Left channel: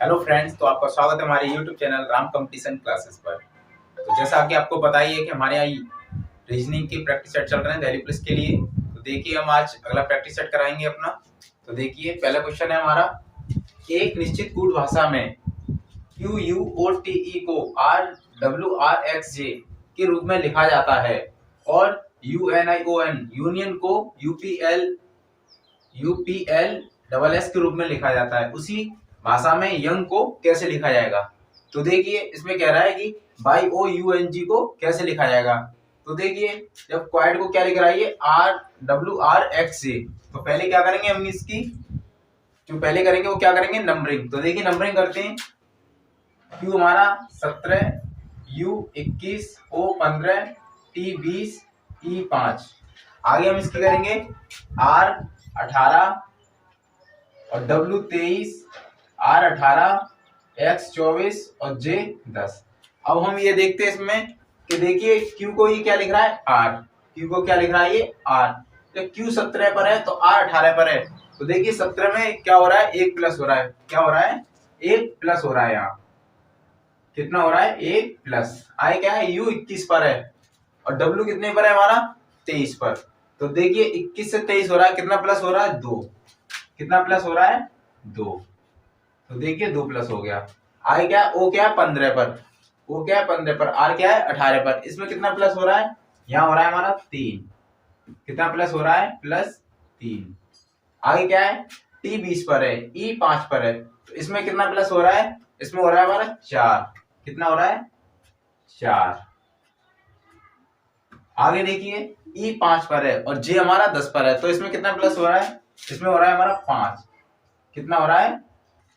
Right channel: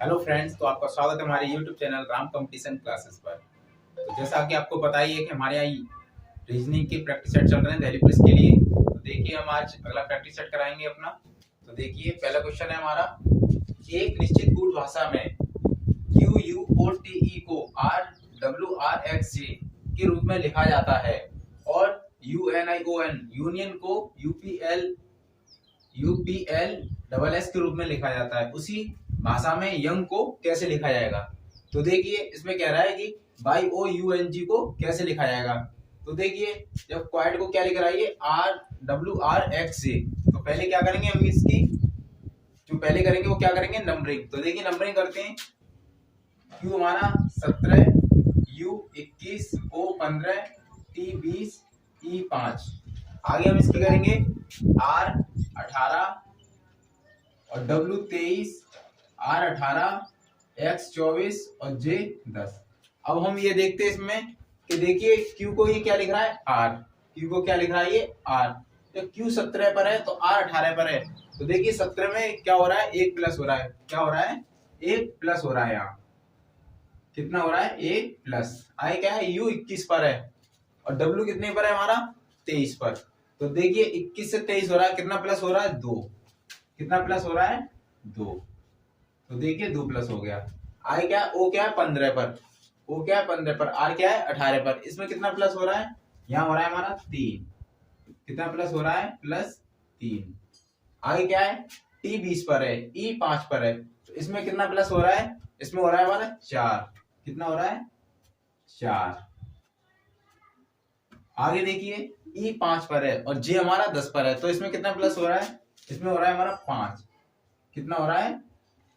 Hello friends, तो आपका स्वागत है हमारे YouTube channel Ram competition classes पर। तो जैसा कि आपको पता ही है कि हमारे यहाँ रीजनिंग की प्रैक्टिस सेट चल रहे हैं दिल्ली पुलिस के लिए। तो देखिए हम आज अगला प्रैक्टिस सेट कराएंगे अपना। तो देखिए पहला क्वेश्चन है हमारा, एक निश्चित कूट भाषा में Q U O T E को R W R X J K रूप में लिखा जाता है और U N I O N union को यूपीएल डबल एस के रूप में लिखा जाता है, उसी भाषा में यंग को कैसे लिखा जाएगा। तो देखिए इसमें कह रहा है कि Y O U N G को कैसे लिखा जाएगा। तो देखिए जब क्वाड को क्या लिख रहा है, आर डब्ल्यू आर एक्स जे, तो पहले क्या करेंगे हम इसकी जो पहले करेंगे वो क्या करेंगे, नंबरिंग। तो देखिए नंबरिंग करते हैं। क्यू हमारा 17, यू 21, ओ 15, टी 20, ई 5। आगे हम इसकी करेंगे आर 18 और डब्ल्यू 23, आर 18, एक्स 24 और जे 10। अब हम ये देखते हैं इसमें कि देखिए क्यू को ये क्या लिख रहा है, आर। क्यू को क्या लिख रहा है, ये आर। तो क्यू 17 पर है तो आर 18 पर है। तो देखिए 17 में क्या हो रहा है, 1 प्लस हो रहा है। क्या हो रहा है, 1 प्लस हो रहा है। यहाँ कितना हो रहा है, 1 प्लस। आए क्या है, यू 21 पर है और डब्ल्यू कितने पर है हमारा, 23 पर। तो देखिए 21 से 23 हो रहा है, कितना प्लस हो रहा है, 2। कितना प्लस हो रहा है, 2। तो देखिए 2 प्लस हो गया। आगे क्या है, ओ क्या है 15 पर, ओ क्या है 15 पर, आर क्या है 18 पर। इसमें कितना प्लस हो रहा है, यहाँ हो रहा है हमारा 3। कितना प्लस हो रहा है, +3। आगे क्या है, टी 20 पर है, ई 5 पर है। तो इसमें कितना प्लस हो रहा है, इसमें हो रहा है हमारा 4। कितना हो रहा है, 4। आगे देखिए ई 5 पर है और जे हमारा 10 पर है। तो इसमें कितना प्लस हो रहा है, इसमें हो रहा है हमारा 5। कितना हो रहा है,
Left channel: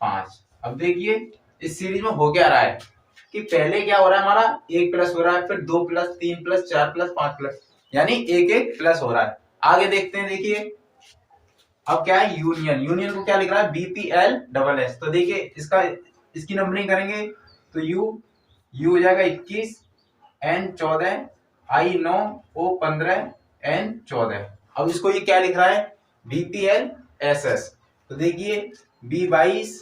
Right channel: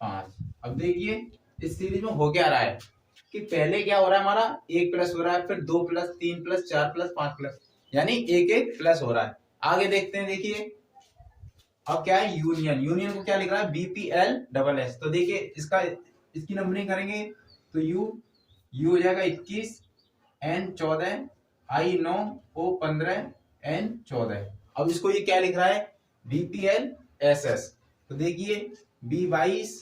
5। अब देखिए इस सीरीज में हो क्या रहा है कि पहले क्या हो रहा है हमारा, 1 प्लस हो रहा है, फिर 2 प्लस, 3 प्लस, 4 प्लस, 5 प्लस, यानी 1 प्लस हो रहा है। आगे देखते हैं, देखिए अब क्या है, यूनियन। यूनियन को क्या लिख रहा है, बीपीएल डबल एस। तो देखिए इसकी नंबरिंग करेंगे तो यू हो जाएगा 21, एन 14, आई 9, ओ 15, एन 14। अब इसको ये क्या लिख रहा है, बीपीएल एस एस। तो देखिए बी 22,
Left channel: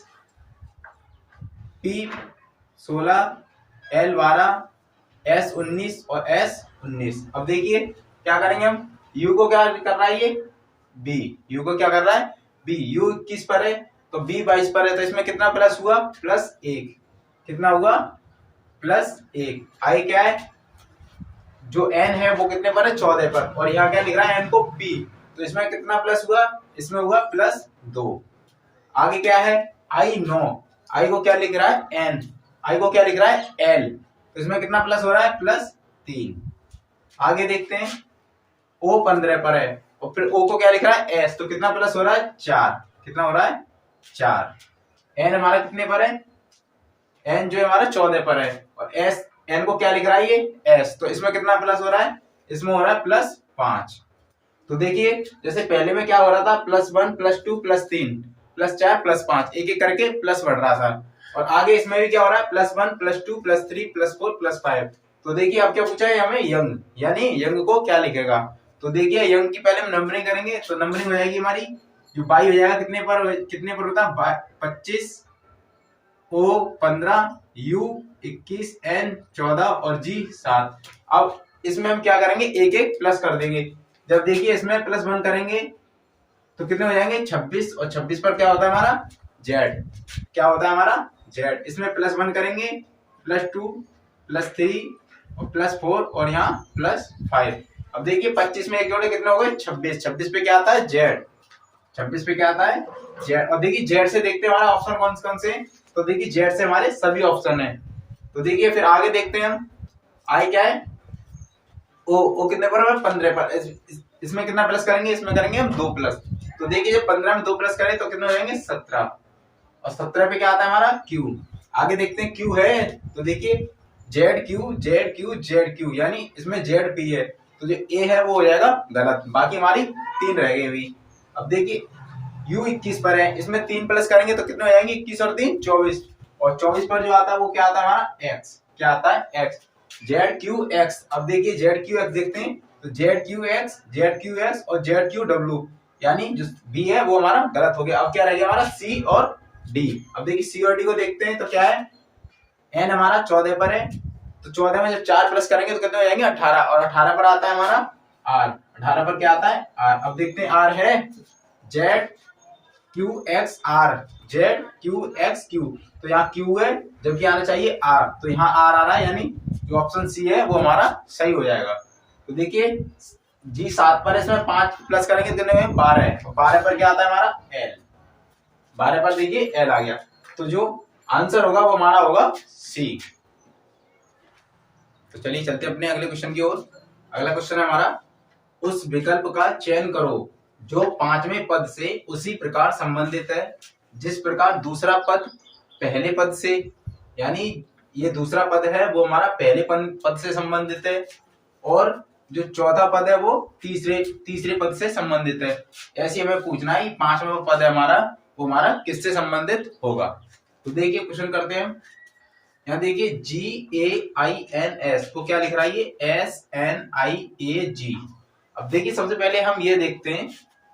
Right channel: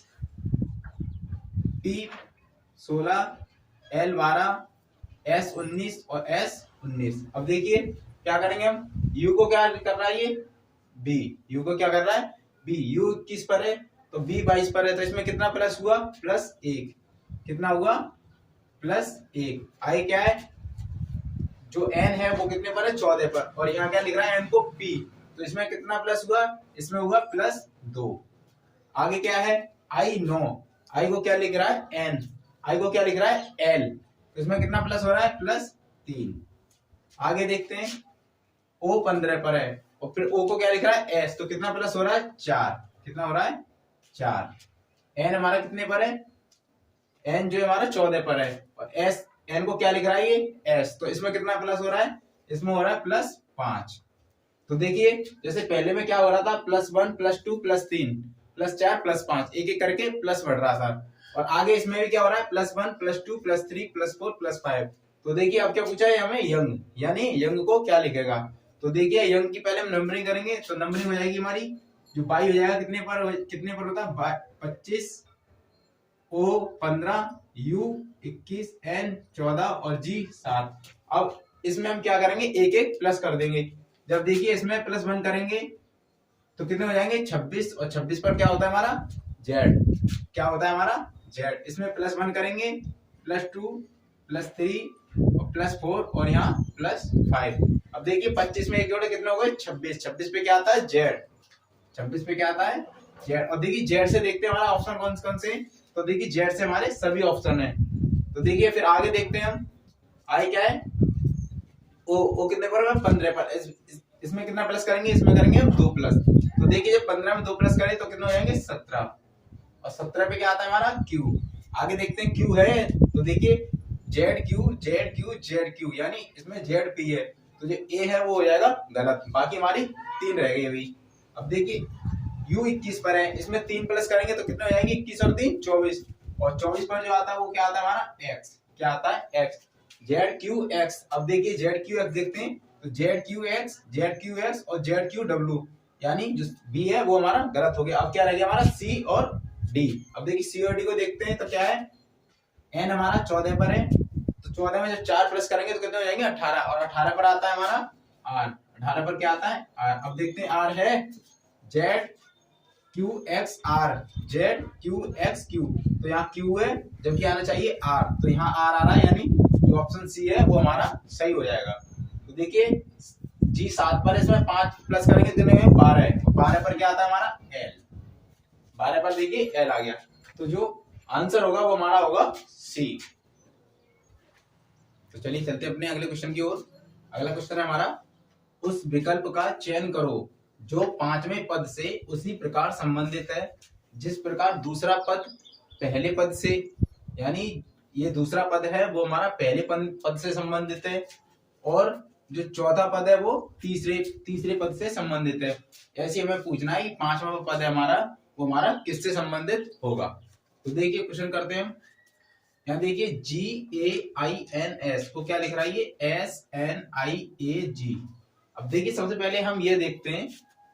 पी 16, एल 12, एस 19 और एस 19। अब देखिए क्या करेंगे हम, यू को क्या कर रहा है, ये बी। यू को क्या कर रहा है, बी। यू 21 पर है तो बी 22 पर है। तो इसमें कितना प्लस हुआ, +1। कितना हुआ, +1। आई क्या है, जो एन है वो कितने पर है, 14 पर। और यहाँ क्या लिख रहा है, एन को पी। तो इसमें कितना प्लस हुआ, इसमें हुआ +2। आगे क्या है, आई 9। आई को क्या लिख रहा है, एन। आई को क्या लिख रहा है, एल। तो इसमें कितना प्लस हो रहा है, +3। आगे देखते हैं, ओ 15 पर है और फिर ओ को क्या लिख रहा है, एस। तो कितना प्लस हो रहा है, 4। कितना हो रहा है, 4। एन हमारा कितने पर है, एन जो है हमारा 14 पर है और एस, एन को क्या लिख रहा है, ये एस। तो इसमें कितना प्लस हो रहा है, इसमें हो रहा है +5। तो देखिए जैसे पहले में क्या हो रहा था, +1, +2, +3, +4, +5, एक एक करके प्लस बढ़ रहा था। और आगे इसमें भी क्या हो रहा है, +1, +2, +3, +4, +5। तो देखिए अब क्या पूछा है हमें, यंग, यानी यंग को क्या लिखेगा। तो देखिए यंग की पहले हम नंबरिंग करेंगे। तो नंबरिंग हो जाएगी हमारी, जो बाई हो जाएगा कितने पर होता है, 25, ओ 15, यू 21, एन 14 और जी 7। अब इसमें हम क्या करेंगे, एक एक प्लस कर देंगे। जब देखिए इसमें +1 करेंगे तो कितने हो जाएंगे, 26। और 26 पर क्या होता है हमारा, जेड। क्या होता है हमारा, जेड। इसमें +1 करेंगे, +2, +3 और +4 और यहाँ +5। अब देखिए 25 में एक जोड़े कितने हो गए, 26। 26 पे क्या आता है, जेड। 26 पे क्या आता है, जेड। और देखिए जेड से देखते हैं हमारा ऑप्शन कौन कौन से। तो देखिए जेड से हमारे सभी ऑप्शन है। तो देखिए फिर आगे देखते हैं हम, आई क्या है, ओ कितने पर है, 15 पर। इसमें कितना प्लस करेंगे, इसमें करेंगे हम 2 प्लस। तो देखिए जब 15 में 2 प्लस करें तो कितने हो जाएंगे, 17। और 17 पे क्या आता है हमारा, क्यू। आगे देखते हैं क्यू है, तो देखिए Z Q, Z Q, Z Q, यानी इसमें जेड पी है। तो जो ए है वो हो जाएगा गलत, बाकी हमारी 3 रह गई हुई। अब देखिए यू 21 पर है, इसमें 3 प्लस करेंगे तो कितने हो जाएंगे, 21 और 3 24। और 24 पर जो आता है वो क्या आता है हमारा, एक्स। क्या आता है, एक्स। Z Q x. अब देखिए जेड क्यू एक्स देखते हैं, तो Z Q x, Z Q x और जेड क्यू डब्ल्यू, यानी जो बी है वो हमारा गलत हो गया। अब क्या रह गया हमारा, सी और डी। अब देखिए सी और डी को देखते हैं तो क्या है, एन हमारा 14 पर है, तो 14 में जब 4 प्लस करेंगे तो कितने हो जाएंगे 18, और 18 पर आता है हमारा आर। 18 पर क्या आता है आर। अब देखते हैं आर है Z Q X R, Z Q X Q, तो यहाँ क्यू है जबकि आना चाहिए आर, तो यहाँ आर आ रहा है, यानी जो ऑप्शन सी है वो हमारा सही हो जाएगा। तो देखिए जी 7 पर, इसमें 5 प्लस करेंगे कितने हुए 12, 12 पर क्या आता है हमारा एल, 12 पर देखिए एल आ गया, तो जो आंसर होगा वो हमारा होगा सी। तो चलिए चलते अपने अगले क्वेश्चन की ओर। अगला क्वेश्चन है हमारा, उस विकल्प का चयन करो जो 5वें पद से उसी प्रकार संबंधित है जिस प्रकार दूसरा पद पहले पद से, यानी ये दूसरा पद है वो हमारा पहले पद से संबंधित है, और जो चौथा पद है वो तीसरे पद से संबंधित है। ऐसे हमें पूछना है 5वां पद है हमारा वो हमारा किससे संबंधित होगा। तो देखिए क्वेश्चन करते हैं। यहाँ देखिए GAINS को क्या लिख रहा है, ये SNIAG। अब देखिए सबसे पहले हम ये देखते हैं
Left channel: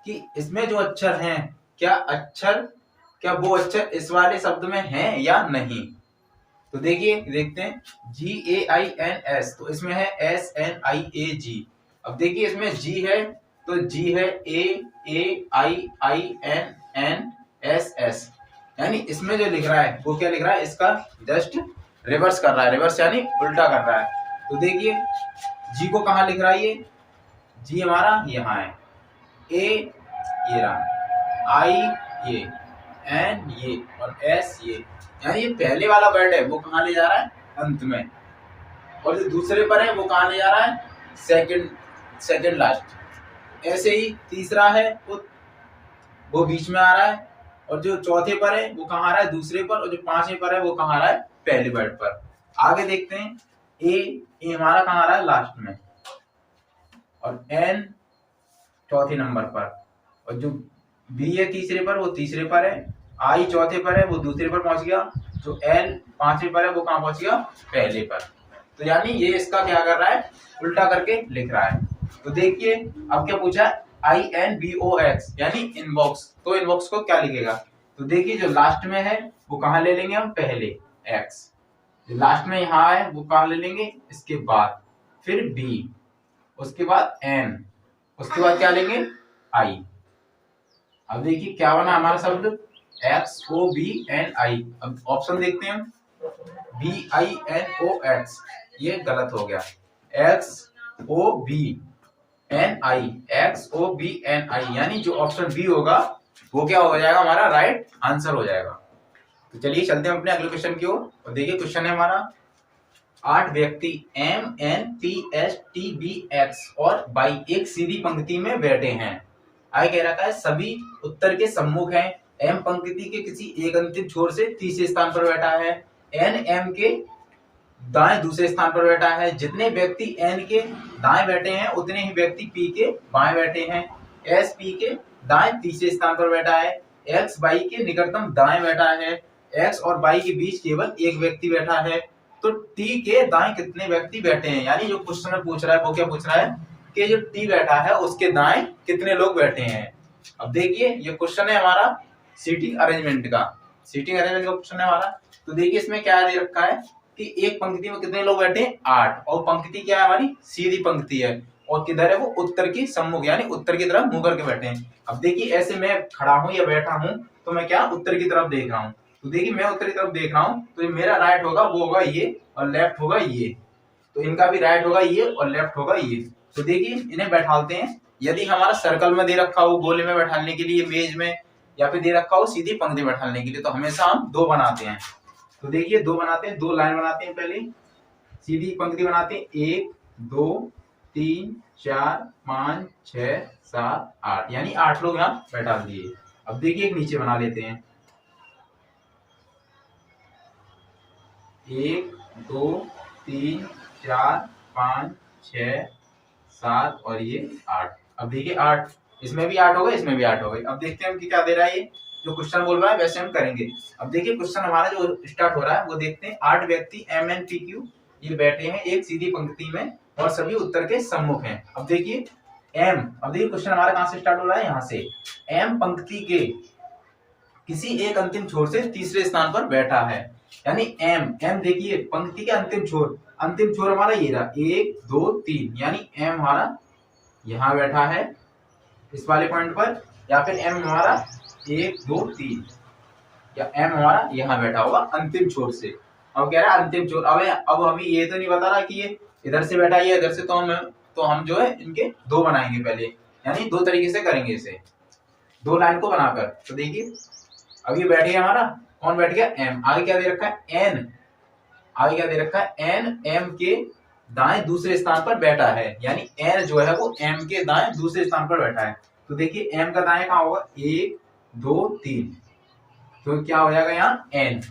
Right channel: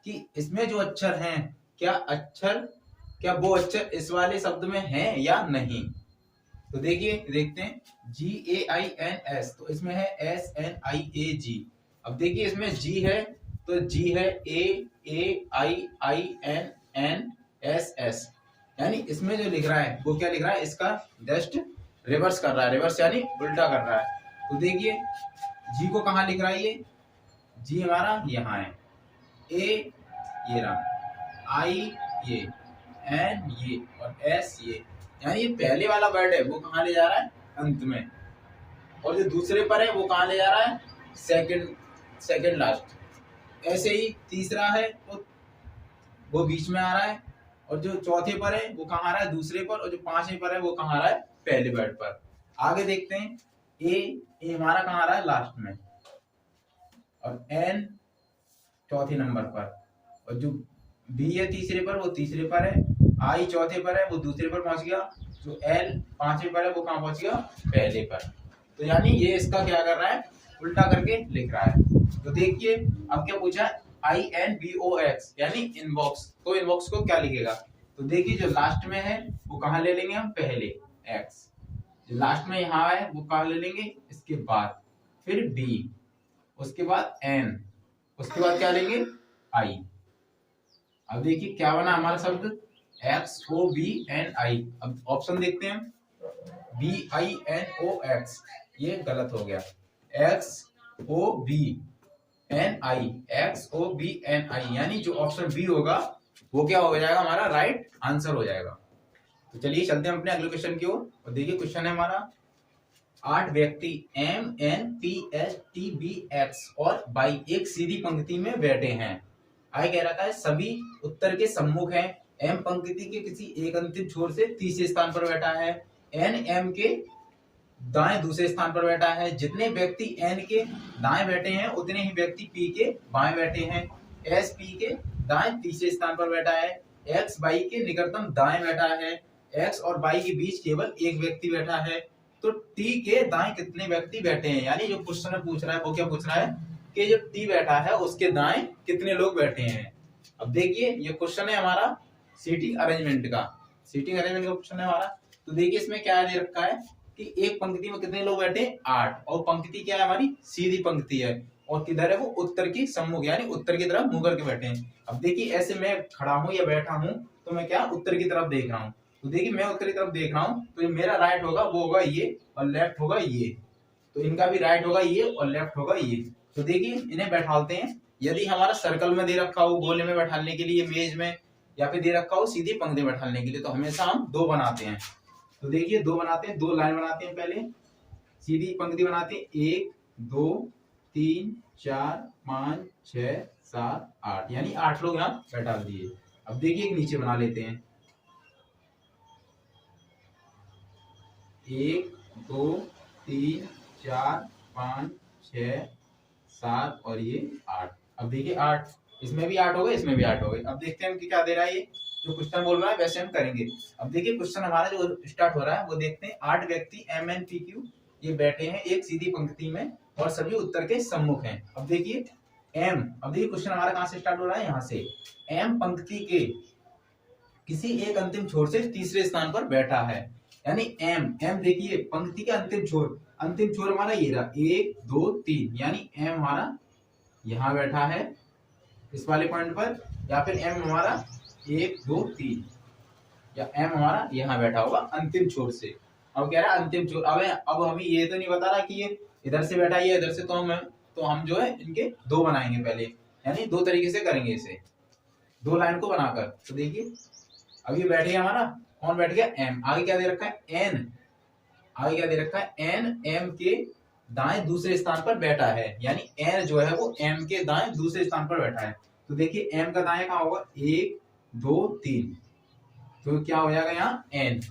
कि इसमें जो अक्षर हैं क्या वो अक्षर इस वाले शब्द में हैं या नहीं। तो देखिए देखते हैं GAINS, तो इसमें है SNIAG। अब देखिए इसमें G है तो G है AAIINNSS, यानी इसमें जो लिख रहा है वो क्या लिख रहा है, इसका जस्ट रिवर्स कर रहा है, रिवर्स यानी उल्टा कर रहा है। तो देखिए जी को कहाँ लिख रहा है, ये जी हमारा यहाँ है, ए ये रहा, आई ये, एन ये, और एस ये, यानी ये पहले वाला वर्ड है वो कहाँ ले जा रहा है अंत में, और जो दूसरे पर है वो कहाँ ले जा रहा है सेकंड लास्ट। ऐसे ही तीसरा है वो बीच में आ रहा है, और जो चौथे पर है वो कहाँ आ रहा है दूसरे पर, और जो 5वें पर है वो कहाँ आ रहा है पहले वर्ड पर। आगे देखते हैं ए हमारा कहाँ आ रहा है लास्ट में, और एन चौथे नंबर पर, और जो बी है तीसरे पर वो तीसरे पर है, आई चौथे पर है वो दूसरे पर पहुंच गया, जो एल 5वें पर है वो कहाँ पहुंच गया पहले पर। तो यानी ये इसका क्या कर रहा है उल्टा करके लिख रहा है। तो देखिए अब क्या पूछा है INBOX यानी इनबॉक्स, तो इनबॉक्स को क्या लिखेगा। तो देखिए जो लास्ट में है वो कहाँ ले लेंगे हम पहले एक्स, जो लास्ट में यहाँ है वो कहाँ ले लेंगे इसके बाद, फिर बी, उसके बाद एन, उसके बाद क्या लेंगे आई। अब देखिए क्या बना हमारा शब्द XOBNI। अब ऑप्शन देखते हैं हम, BINOX, ये गलत हो गया, XOBNI, यानी जो ऑप्शन बी होगा वो क्या हो जाएगा हमारा राइट आंसर हो जाएगा। तो चलिए चलते हैं अपने अगले क्वेश्चन की ओर। और देखिए क्वेश्चन है हमारा, 8 व्यक्ति MNPSTBX और बाई एक सीधी पंक्ति में बैठे हैं। आगे कह रखा है सभी उत्तर के सम्मुख हैं, एम पंक्ति के किसी एक अंतिम छोर से तीसरे स्थान पर बैठा है, एन एम के दाएं दूसरे स्थान पर बैठा है, जितने व्यक्ति एन के दाएं बैठे हैं उतने ही व्यक्ति पी के बाएं बैठे हैं, एस पी के दाएं तीसरे स्थान पर बैठा है, एक्स बाई के निकटतम दाएं बैठा है, एक्स और बाई के बीच केवल एक व्यक्ति बैठा है, तो टी के दाएं कितने व्यक्ति बैठे हैं। यानी जो क्वेश्चन में पूछ रहा है वो क्या पूछ रहा है कि जो टी बैठा है उसके दाएं कितने लोग बैठे हैं। अब देखिए ये क्वेश्चन है हमारा सीटिंग अरेंजमेंट का क्वेश्चन है हमारा। तो देखिए इसमें क्या दे रखा है कि एक पंक्ति में कितने लोग बैठे हैं 8, और पंक्ति क्या है हमारी सीधी पंक्ति है, और किधर है वो उत्तर की सम्मुख यानी उत्तर की तरफ मुंह करके बैठे हैं। अब देखिए ऐसे मैं खड़ा हूं या बैठा हूं तो मैं क्या उत्तर की तरफ देख रहा हूं, तो देखिए मैं उत्तर की तरफ देख रहा हूं तो मेरा राइट होगा वो होगा ये, और लेफ्ट होगा ये, तो इनका भी राइट होगा ये और लेफ्ट होगा ये। तो देखिए इन्हें बैठाते हैं, यदि हमारा सर्कल में दे रखा हो गोले में बैठाने के लिए मेज में, या फिर दे रखा हो सीधी पंक्ति बैठाने के लिए, तो हमेशा हम 2 बनाते हैं। तो देखिए 2 बनाते हैं, 2 लाइन बनाते हैं, पहले सीधी पंक्ति बनाते हैं 1 2 3 4 5 6 7 8, यानी 8 लोग यहाँ बैठा दिए। अब देखिए एक नीचे बना लेते हैं 1 2 3 4 5 6 7 और ये 8। अब देखिए 8, इसमें भी 8 हो गए इसमें भी 8 हो गए। अब देखते हैं कि क्या दे रहा है, ये जो क्वेश्चन बोल रहा है वैसे हम करेंगे। अब देखिए क्वेश्चन हमारा जो स्टार्ट हो रहा है वो देखते हैं, 8 व्यक्ति MNPQ ये बैठे हैं एक सीधी पंक्ति में और सभी उत्तर के सम्मुख हैं। अब देखिए अब देखिए क्वेश्चन हमारा कहां से स्टार्ट हो रहा है, यहाँ से। एम पंक्ति के किसी एक अंतिम छोर से तीसरे स्थान पर बैठा है। यानी एम देखिए पंक्ति के अंतिम छोर हमारा ये रहा 1 2 3, यानी एम हमारा यहाँ बैठा है इस वाले पॉइंट पर, या फिर एम हमारा 1 2 3, या एम हमारा यहाँ बैठा होगा अंतिम छोर से। अब कह रहा है अंतिम छोर, अब अभी ये तो नहीं बता रहा कि ये इधर से बैठा है इधर से, तो हम जो है इनके दो बनाएंगे पहले, यानी दो तरीके से करेंगे इसे, दो लाइन को बनाकर। तो देखिए अब ये बैठ गया हमारा, कौन बैठ गया एम, आगे क्या दे रखा है एन, आगे क्या दे रखा है एन, एम के दाएं दूसरे स्थान पर बैठा है, यानी एन जो है वो एम के दाएं दूसरे स्थान पर बैठा है। तो देखिए एम का दाएं कहाँ होगा 1 2 3, तो क्या हो जाएगा यहाँ एन,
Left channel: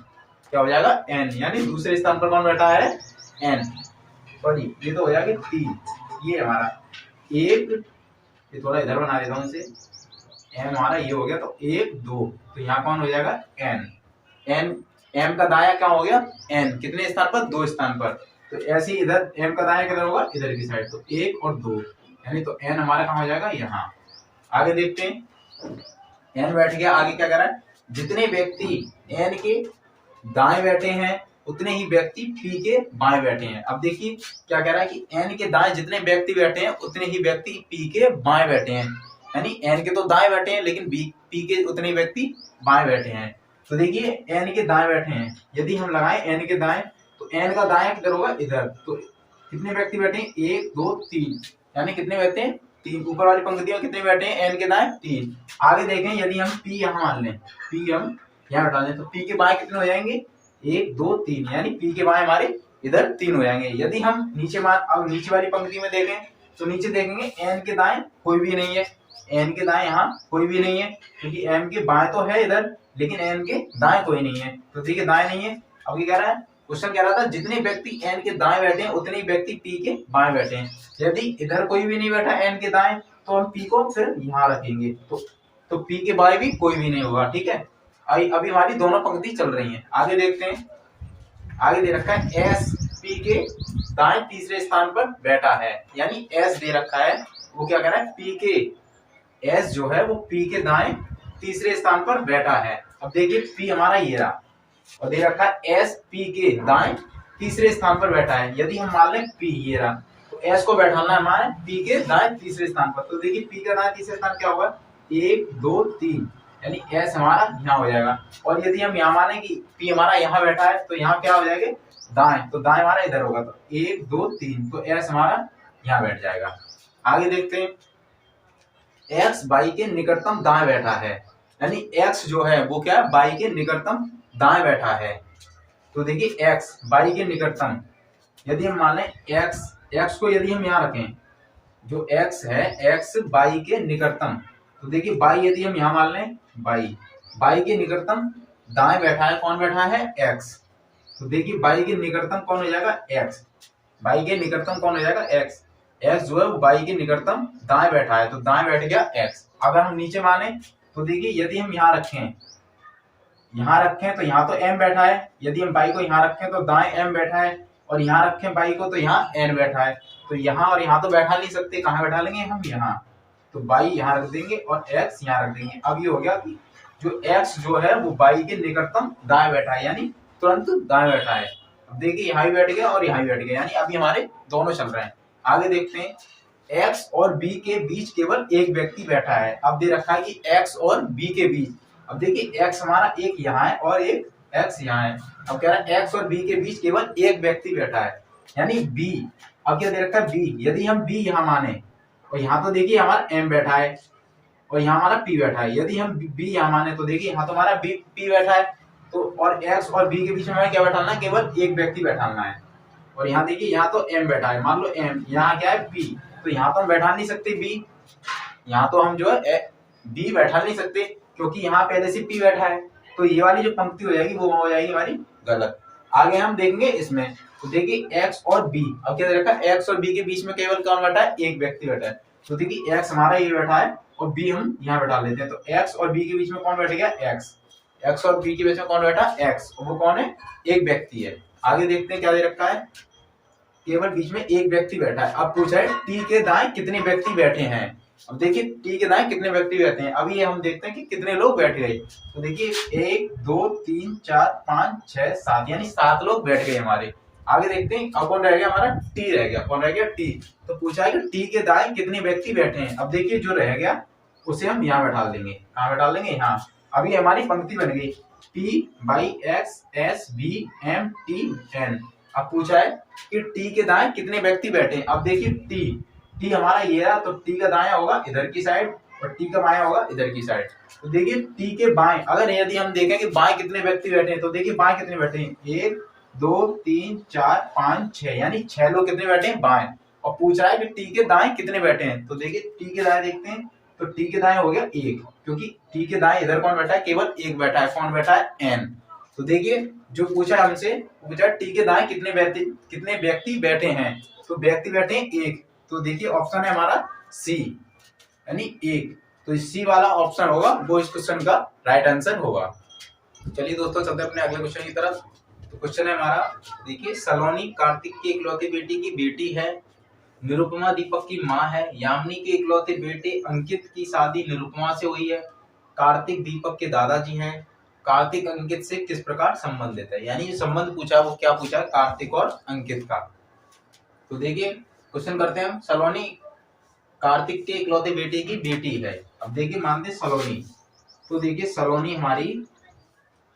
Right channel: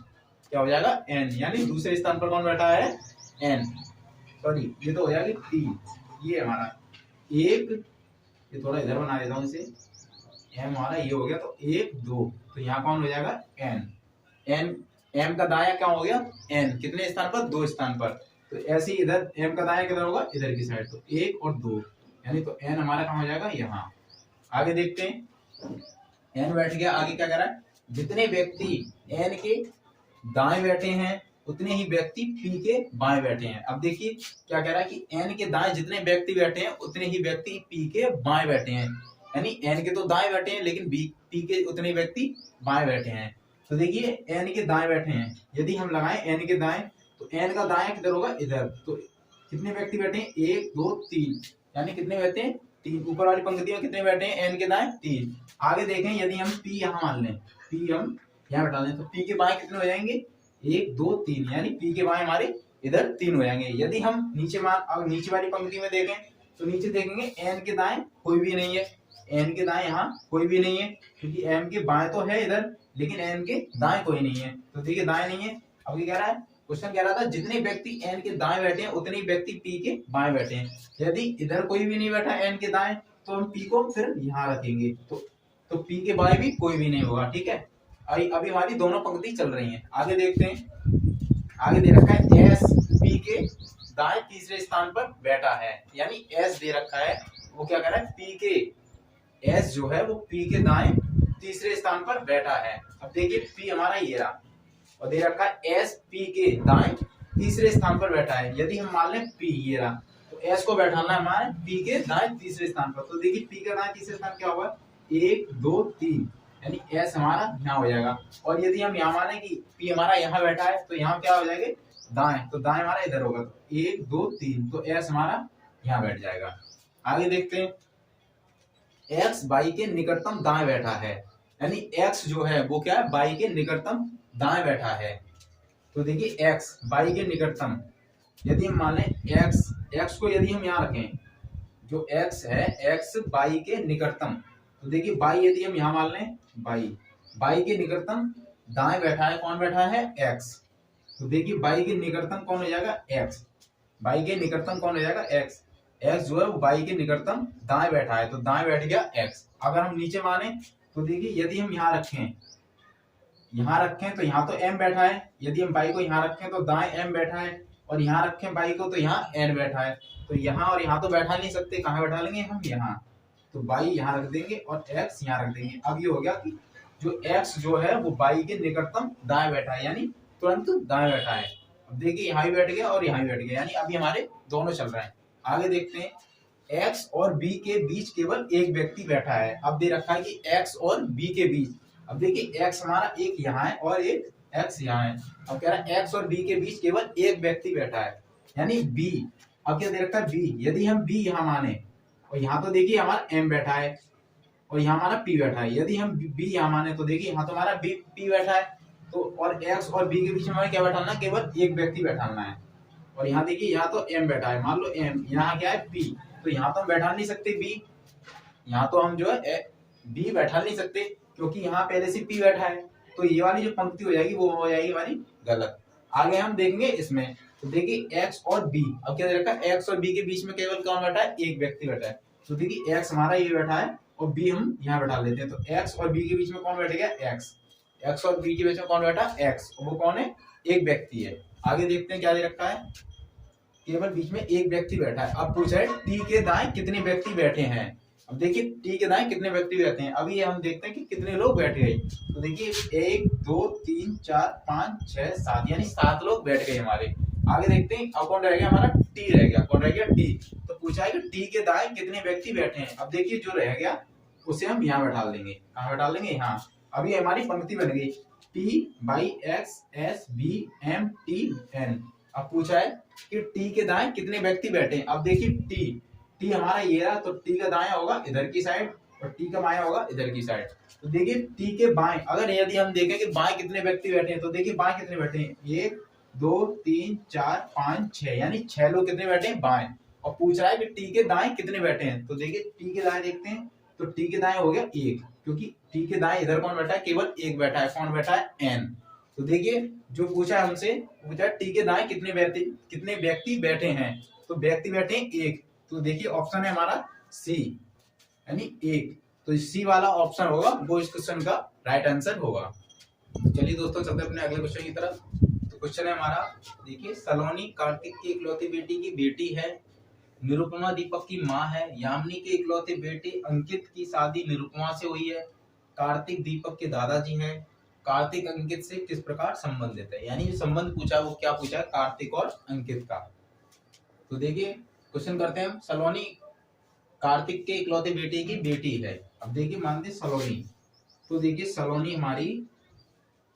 क्या हो जाएगा एन, यानी दूसरे स्थान पर कौन बैठा है एन, सॉरी ये तो हो जाएगा 3, ये हमारा 1, ये थोड़ा इधर बना देता हूँ इसे, एम हमारा ये हो गया तो 1 2, तो यहाँ कौन हो जाएगा एन, एन एम का दाया क्या हो गया एन, कितने स्थान पर 2 स्थान पर, तो ऐसे ही इधर एम का दाया किधर होगा इधर की साइड, तो 1 और 2, यानी तो एन हमारा कहाँ हो जाएगा यहाँ। आगे देखते हैं एन बैठ गया, आगे क्या कर रहा है जितने व्यक्ति एन के दाएं बैठे हैं उतने ही व्यक्ति पी के बाएं बैठे हैं। अब देखिए क्या कह रहा है कि एन के दाएं जितने व्यक्ति बैठे हैं उतने ही व्यक्ति पी के बाएं बैठे हैं, यानी एन के तो दाएं बैठे हैं लेकिन पी के उतने व्यक्ति बाएं बैठे हैं। तो देखिए एन के दाएं बैठे हैं, यदि हम लगाएं एन के दाएं तो एन का दाएं किधर होगा इधर, तो कितने व्यक्ति बैठे हैं 1 2 3, यानी कितने बैठे हैं 3, ऊपर वाली पंक्ति में कितने बैठे हैं एन के दाएं 3। आगे देखें यदि हम पी यहाँ मान लें, पी हम यहाँ हटा दें तो पी के बाएं कितने हो जाएंगे 1 2 3, यानी पी के बाएं हमारे इधर 3 हो जाएंगे। यदि हम अब नीचे वाली पंक्ति में देखें तो नीचे देखेंगे एन के दाएं कोई भी नहीं है, एन के दाएं यहाँ कोई भी नहीं है, क्योंकि एम के बाएं तो है इधर लेकिन एन के दाएं कोई नहीं है, तो ठीक है दाएं नहीं है। अब ये कह रहा है क्वेश्चन कह रहा था जितने व्यक्ति एन के दाएं बैठे हैं उतने ही व्यक्ति पी के बाएं बैठे हैं। यदि इधर कोई भी नहीं बैठा एन के दाएं तो हम पी को फिर यहाँ रखेंगे, तो पी के बाएं भी कोई भी नहीं होगा, ठीक है। अभी हमारी दोनों पंक्ति चल रही हैं। आगे देखते हैं, आगे दे रखा है एस पी के दाएं तीसरे स्थान पर बैठा है, यानी एस दे रखा है वो क्या कह रहा है पी के, एस जो है वो पी के दाएं तीसरे स्थान पर बैठा है। अब देखिए पी हमारा ये रहा और दे रखा है एस पी के दाएं तीसरे स्थान पर बैठा है। यदि हम मान लें पी ये रहा तो एस को बैठाना है हमारे पी के दाएं तीसरे स्थान पर, तो देखिए पी का दाएं तीसरे स्थान क्या होगा 1 2 3, यानी एस हमारा यहाँ हो जाएगा। और यदि हम यहाँ माने कि पी हमारा यहाँ बैठा है तो यहाँ क्या हो जाएगा दाएं, तो दाएं हमारा इधर होगा, तो 1 2 3, तो एस हमारा यहाँ बैठ जाएगा। आगे देखते हैं एक्स बाई के निकटतम दाएं बैठा है, यानी एक्स जो है वो क्या है बाई के निकटतम दाएं बैठा है। तो देखिए एक्स बाई के निकटतम, यदि हम मान लें एक्स को यदि हम यहाँ रखें, जो एक्स है एक्स बाई के निकटतम, तो देखिए बाई यदि हम यहाँ मान लें बाई के निकटतम दाएं बैठा है, कौन बैठा है एक्स, तो देखिए बाई के निकटतम कौन हो जाएगा एक्स, बाई के निकटतम कौन हो जाएगा एक्स, एक्स जो है वो बाई के निकटतम दाएं बैठा है, तो दाएं बैठ गया एक्स। अगर हम नीचे माने तो देखिए यदि हम यहाँ रखें तो यहाँ तो m बैठा है, यदि हम बाई को यहाँ रखें तो दाएं m बैठा है, और यहाँ रखें बाई को तो यहाँ n बैठा है, तो यहाँ और यहाँ तो बैठा नहीं सकते, कहाँ बैठा लेंगे हम यहाँ, तो बाई यहाँ रख देंगे और x यहाँ रख देंगे। अब ये हो गया कि जो x जो है वो बाई के निकटतम दाएं बैठा है, यानी तुरंत दाएं बैठा है। अब देखिए यहाँ भी बैठ गया और यहाँ भी बैठ गया, यानी अभी हमारे दोनों चल रहे हैं। आगे देखते हैं x और b के बीच केवल एक व्यक्ति बैठा है। अब दे रखा है कि x और b के बीच, अब देखिए x हमारा एक यहाँ है और एक x यहाँ है। अब कह रहा है x और b के बीच केवल एक व्यक्ति बैठा है, यानी b। अब क्या दे रखा है b, यदि हम b यहाँ माने और यहाँ तो देखिए हमारा m बैठा है और यहाँ हमारा p बैठा है, यदि हम b यहाँ माने तो देखिए यहाँ तो हमारा p बैठा है, तो और x और b के बीच में हमें क्या बैठाना है, केवल एक व्यक्ति बैठाना है। और यहाँ देखिए यहाँ तो m बैठा है, मान लो m, यहाँ क्या है p, तो यहाँ तो हम बैठा नहीं सकते b, यहाँ तो हम जो है b बैठा नहीं सकते क्योंकि यहाँ पहले से p बैठा है, तो ये वाली जो पंक्ति हो जाएगी वो हो जाएगी हमारी गलत। आगे हम देखेंगे इसमें, तो देखिए x और b, अब क्या देखा x और b के बीच में केवल कौन बैठा है, एक व्यक्ति बैठा है, तो देखिए x हमारा ये बैठा है और b हम यहाँ बैठा लेते हैं, तो x और b के बीच में कौन बैठ गया x और b के बीच में कौन बैठा x, वो कौन है एक व्यक्ति है। आगे देखते हैं क्या दे रखा है, केवल बीच में एक व्यक्ति बैठा है। अब पूछा है टी के दाएं कितने व्यक्ति बैठे हैं, अब देखिए टी के दाएं कितने व्यक्ति बैठे हैं, अभी ये हम देखते हैं कि कितने लोग बैठ गए। तो देखिए 1 2 3 4 5 6 7 यानी 7 लोग बैठ गए हमारे। आगे देखते हैं अब कौन रह गया, हमारा टी रह गया। कौन रह गया, टी। तो पूछा है कि टी के दाएं कितने व्यक्ति बैठे हैं। अब देखिए जो रह गया उसे हम यहाँ बैठा देंगे। कहाँ बैठा देंगे, यहाँ। अभी हमारी पंक्ति बन गई T Y X S B M T N. अब पूछा है कि टी के दाएं कितने व्यक्ति बैठे हैं। अब देखिए टी हमारा ये रहा, तो टी का दाएं होगा इधर की साइड और टी का बाएं होगा इधर की साइड। तो देखिए टी के बाएं, अगर यदि हम देखें कि बाएं कितने व्यक्ति बैठे हैं, तो देखिए बाएं कितने बैठे हैं, 1 2 3 4 5 6 यानी 6 लोग कितने बैठे हैं, बाएं। और पूछ रहा है कि टी के दाएं कितने बैठे हैं। तो देखिए टी के दाएं देखते हैं, तो टी के दाएं हो गया 1, क्योंकि टी के दाएं इधर कौन बैठा है, केवल 1 बैठा है। कौन बैठा है, एन। तो देखिए जो पूछा है हमसे, पूछा टी के दाएं कितने व्यक्ति बैठे हैं। तो व्यक्ति बैठे हैं 1। तो देखिए ऑप्शन है हमारा सी, यानी 1। तो सी वाला ऑप्शन होगा, वो इस क्वेश्चन का राइट आंसर होगा। चलिए दोस्तों चलते हैं अपने अगले क्वेश्चन की तरफ। तो क्वेश्चन है हमारा, देखिए सलोनी कार्तिक की इकलौती बेटी की बेटी है, निरुपमा दीपक की माँ है, यामिनी के इकलौते बेटे अंकित की शादी निरुपमा से हुई है, कार्तिक दीपक के दादाजी हैं, कार्तिक अंकित से किस प्रकार संबंधित है। यानी जो संबंध पूछा वो क्या पूछा है, कार्तिक और अंकित का। तो देखिए क्वेश्चन करते हैं हम। सलोनी कार्तिक के इकलौते बेटे की बेटी है। अब देखिए मानते सलोनी, तो देखिए सलोनी हमारी,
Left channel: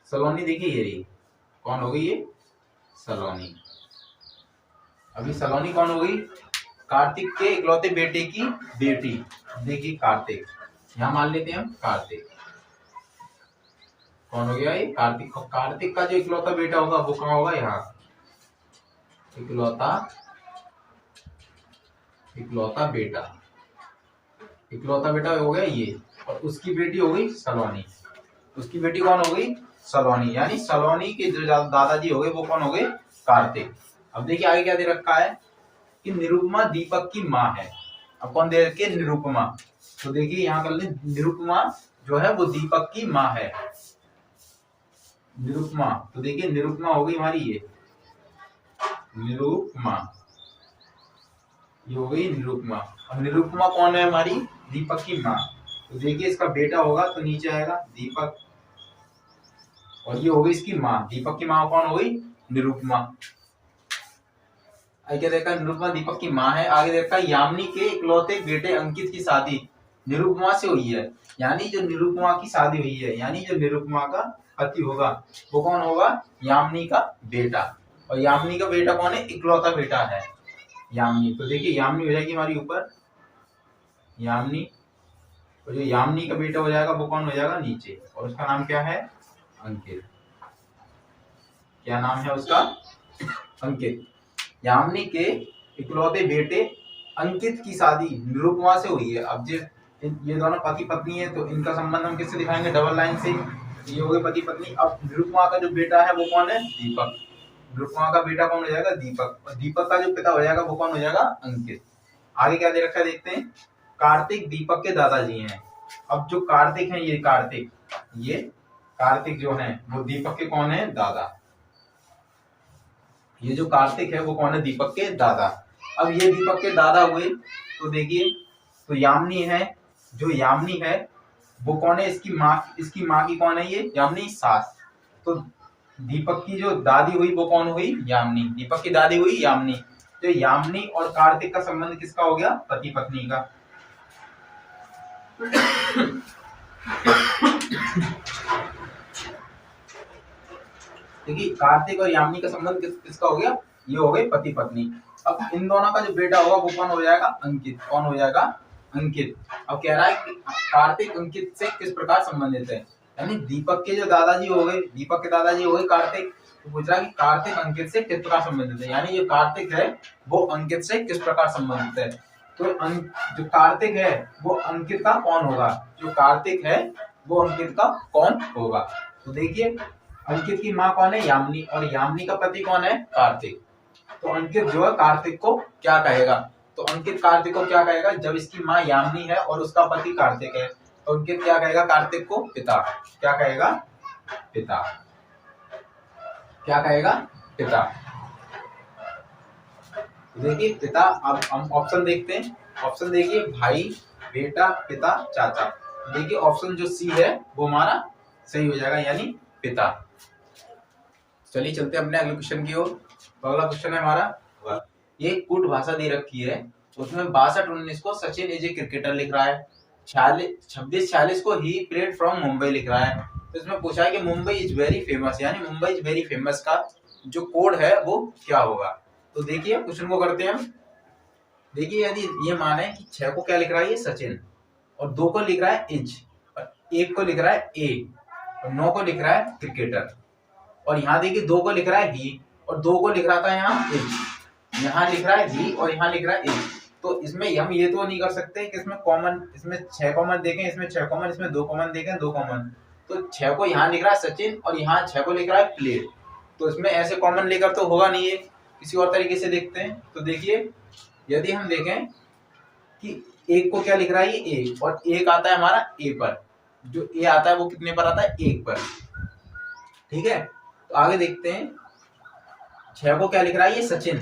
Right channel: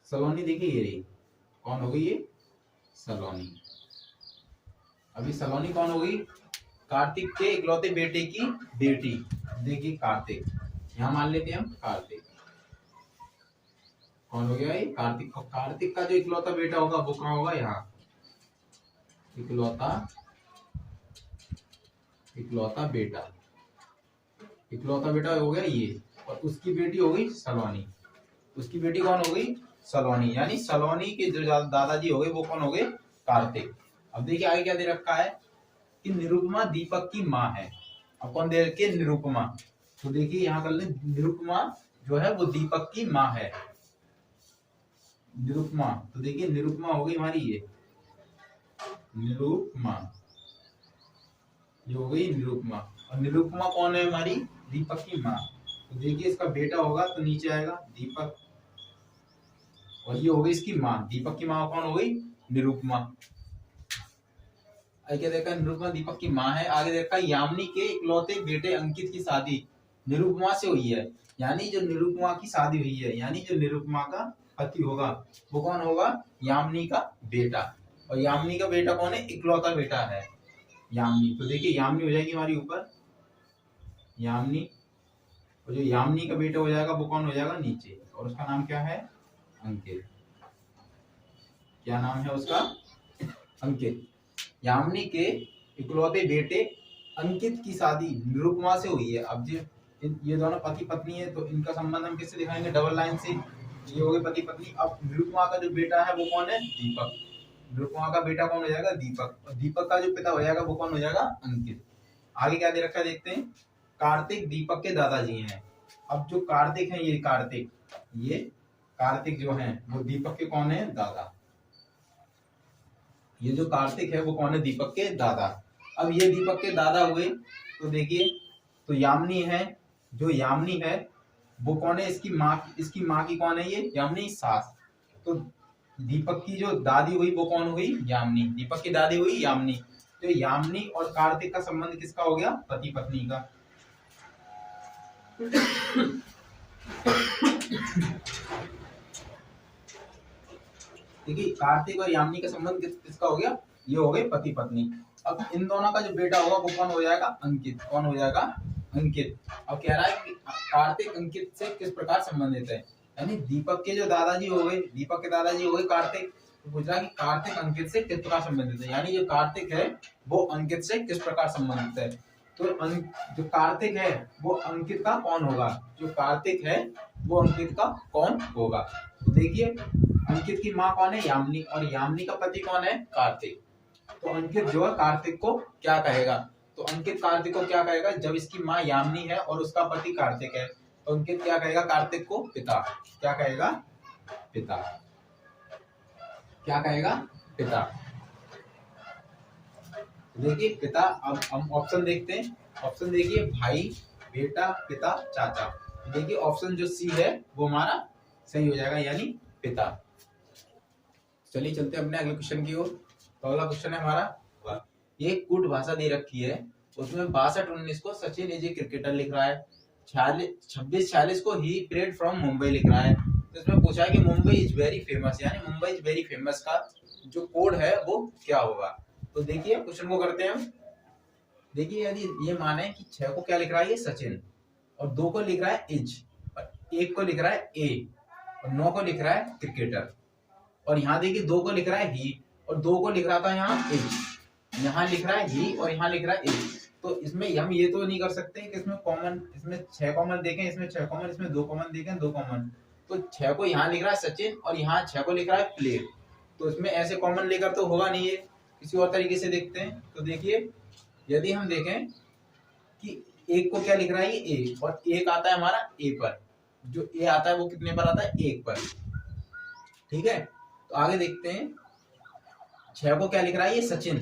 सलोनी देखिए ये रही, कौन हो गई ये, सलोनी। अभी सलोनी कौन हो गई, कार्तिक के इकलौते बेटे की बेटी। देखिए कार्तिक, यहां मान लेते हैं हम कार्तिक, कौन हो गया ये, कार्तिक। कार्तिक का जो इकलौता बेटा होगा वो कहाँ होगा, यहाँ। इकलौता बेटा हो गया ये, और उसकी बेटी हो गई सलोनी। उसकी बेटी कौन हो गई, सलोनी। यानी सलोनी के जो दादाजी हो गए वो कौन हो गए, कार्तिक। अब देखिए आगे क्या दे रखा है कि निरुपमा दीपक की माँ है। अब कौन दे रखे, निरुपमा। तो देखिए यहाँ कर ले, निरुपमा जो है वो दीपक की माँ है, निरुपमा। तो देखिए निरुपमा हो गई हमारी ये, निरुपमा, ये हो गई निरुपमा। अब निरुपमा कौन है हमारी, दीपक की माँ। तो देखिए इसका बेटा होगा तो नीचे आएगा दीपक, और ये हो गई इसकी माँ। दीपक की माँ कौन हो गई, निरुपमा। आगे देखा निरुपमा दीपक की माँ है। आगे देखा यामिनी के इकलौते बेटे अंकित की शादी निरुपमा से हुई है। यानी जो निरुपमा की शादी हुई है, यानी जो निरुपमा का पति होगा वो कौन होगा, यामिनी का बेटा। और यामिनी का बेटा कौन है, इकलौता बेटा है यामिनी। तो देखिए यामिनी हो जाएगी हमारी ऊपर, यामिनी, और जो यामिनी का बेटा हो जाएगा वो कौन हो जाएगा नीचे, और उसका नाम क्या है, अंकित। क्या नाम है उसका, अंकित। यामिनी के इकलौते बेटे अंकित की शादी निरुपमा से हुई है। अब ये दोनों पति पत्नी है, तो इनका संबंध हम किससे दिखाएंगे, डबल लाइन से। ये हो गए पति पत्नी। अब निरुपमा का जो बेटा है वो कौन है, दीपक। निरुपमा का बेटा कौन हो जाएगा, दीपक। और दीपक का जो पिता हो जाएगा वो कौन हो जाएगा, अंकित। आगे क्या दे रखा है देखते हैं, कार्तिक दीपक के दादाजी हैं। अब जो कार्तिक है, ये कार्तिक जो है वो दीपक के कौन है, दादा। ये जो कार्तिक है वो कौन है, दीपक के दादा। अब ये दीपक के दादा हुए, तो देखिए तो यामिनी है, जो यामिनी है वो कौन है, इसकी माँ की कौन है, ये यामिनी सास। तो दीपक की जो दादी हुई वो कौन हुई, यामिनी। दीपक की दादी हुई यामिनी। तो यामिनी और कार्तिक का संबंध किसका हो गया, पति पत्नी का। देखिए कार्तिक और यामिनी का संबंध किसका हो गया, ये हो गए पति पत्नी। अब इन दोनों का जो बेटा होगा वो कौन हो जाएगा, अंकित। कौन हो जाएगा, अंकित। अब कह रहा है कि कार्तिक अंकित से किस प्रकार संबंधित है। यानी दीपक के जो दादाजी हो गए, दीपक के दादाजी हो गए कार्तिक। तो पूछ रहा है कि कार्तिक अंकित से किस प्रकार संबंधित है। यानी जो कार्तिक है वो अंकित से किस प्रकार संबंधित है। तो जो कार्तिक है वो अंकित का कौन होगा, जो कार्तिक है वो अंकित का कौन होगा। तो देखिए अंकित की माँ कौन है, यामिनी, और यामिनी का पति कौन है, कार्तिक। तो अंकित जो है कार्तिक को क्या कहेगा, तो अंकित कार्तिक को क्या कहेगा, जब इसकी माँ यामिनी है और उसका पति कार्तिक है, तो अंकित क्या कहेगा कार्तिक को, पिता। क्या कहेगा, पिता। क्या कहेगा, पिता। देखिए पिता। अब हम ऑप्शन देखते हैं। ऑप्शन देखिए, भाई, बेटा, पिता, चाचा। देखिए ऑप्शन जो सी है वो हमारा सही हो जाएगा, यानी पिता। चलिए चलते हैं अपने अगले क्वेश्चन की ओर। अगला क्वेश्चन है हमारा, ये कूट भाषा दे रखी है, उसमें 62-19 को सचिन इज ए क्रिकेटर लिख रहा है, 26-46 को ही प्लेड फ्रॉम मुंबई लिख रहा है। तो इसमें पूछा है कि मुंबई इज वेरी फेमस, यानी मुंबई इज वेरी फेमस का जो कोड है वो क्या होगा। तो देखिए क्वेश्चन को करते हैं हम। देखिए यदि ये माने कि 6 को क्या लिख रहा है ये सचिन, और 2 को लिख रहा है इज, और 1 को लिख रहा है ए, और 9 को लिख रहा है क्रिकेटर, और यहाँ देखिए 2 को लिख रहा है ही, और 2 को लिख रहा था यहाँ इज, यहाँ लिख रहा है ही और यहाँ लिख रहा है इज। तो इसमें हम ये तो नहीं कर सकते कि इसमें कॉमन, इसमें 6 कॉमन देखें, इसमें 6 कॉमन, इसमें 2 कॉमन देखें, 2 कॉमन। तो 6 को यहाँ लिख रहा है सचिन और यहाँ 6 को लिख रहा है प्लेट, तो इसमें ऐसे कॉमन लेकर तो होगा नहीं है। किसी और तरीके से देखते हैं। तो देखिए यदि हम देखें कि 1 को क्या लिख रहा है ये ए, और 1 आता है हमारा ए पर, जो ए आता है वो कितने पर आता है 1 पर, ठीक है। तो आगे देखते हैं, 6 को क्या लिख रहा है ये सचिन,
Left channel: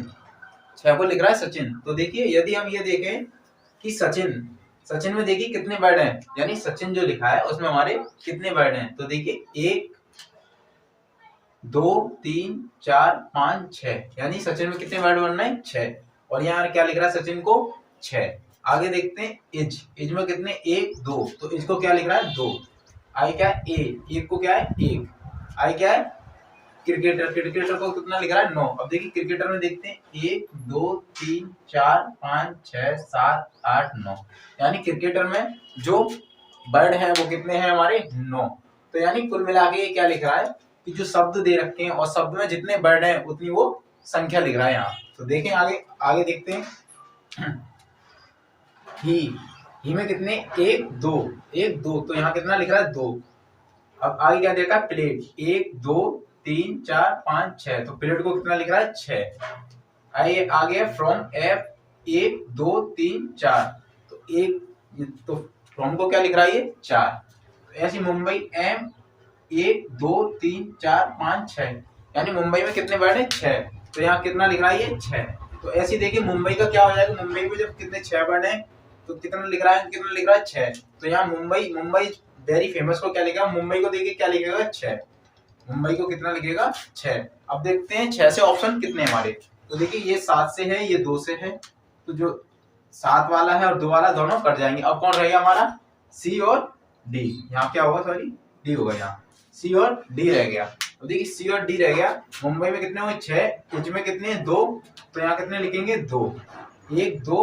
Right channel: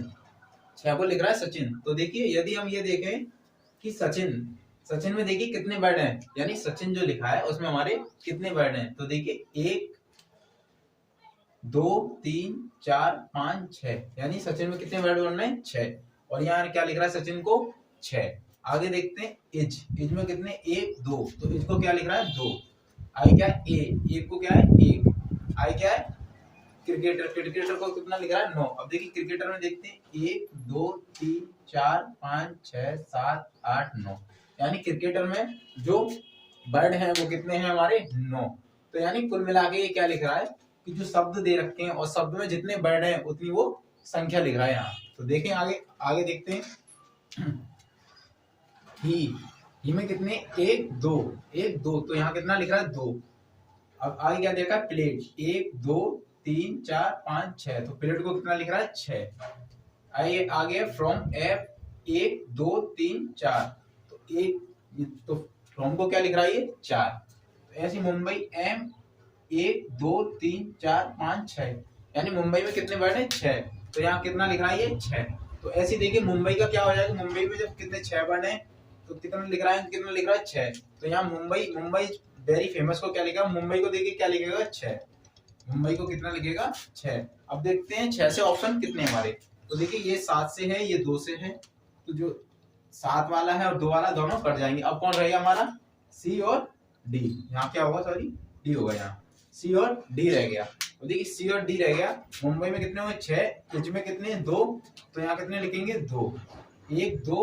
6 को लिख रहा है सचिन। तो देखिए यदि हम ये देखें कि सचिन, सचिन में देखिए कितने वर्ड हैं, यानी सचिन जो लिखा है उसमें हमारे कितने वर्ड हैं। तो देखिए 1 2 3 4 5 6, यानी सचिन में कितने वर्ड बनना है 6, और यहाँ क्या लिख रहा है सचिन को 6। आगे देखते हैं इज, इज में कितने 1 2, तो इज को क्या लिख रहा है 2, आई क्या है ए, 1 को क्या है 1, आई क्या है क्रिकेटर, क्रिकेटर को कितना लिख रहा है 9। अब देखिए क्रिकेटर में देखते हैं 1 2 3 4 5 6 7 8 9, यानी क्रिकेटर में जो वर्ड हैं वो कितने हैं हमारे 9। तो यानी कुल मिला के ये क्या लिख रहा है कि जो शब्द दे रखे हैं और शब्द में जितने वर्ड हैं उतनी वो संख्या लिख रहा है यहाँ। तो देखें आगे, आगे देखते हैं ही में कितने 1 2 1 2, तो यहाँ कितना लिख रहा है 2। अब आगे क्या देखा प्लेट, 1 2 3 4 5 6, तो प्लेट को कितना लिख रहा है 6। आइए आगे फ्रॉम एफ 1 2 3 4, तो 1, तो फ्रॉम को क्या लिख रहा है ये 4। तो ऐसी मुंबई एम 1 2 3 4 5 6, यानी मुंबई में कितने वर्ड है 6, तो यहाँ कितना लिख रहा है ये 6। तो ऐसी देखिए मुंबई का क्या हो जाएगा, मुंबई में जब कितने 6 वर्ड है तो कितना लिख रहा है, कितना लिख रहा है 6। तो यहाँ मुंबई, मुंबई वेरी फेमस को क्या लिखेगा, मुंबई को देखिए क्या लिखेगा 6, मुंबई को कितना लिखेगा 6। अब देखते हैं 6 से ऑप्शन कितने हमारे। तो देखिए ये 7 से है, ये 2 से है, तो जो 7 वाला है और 2 वाला दोनों कट जाएंगे। अब कौन रहेगा हमारा सी और डी, यहाँ क्या होगा सॉरी डी होगा, यहाँ सी और डी रह गया। तो देखिए सी और डी रह गया, मुंबई में कितने हुए 6, इज में कितने 2, तो यहाँ कितने लिखेंगे 2, 1 2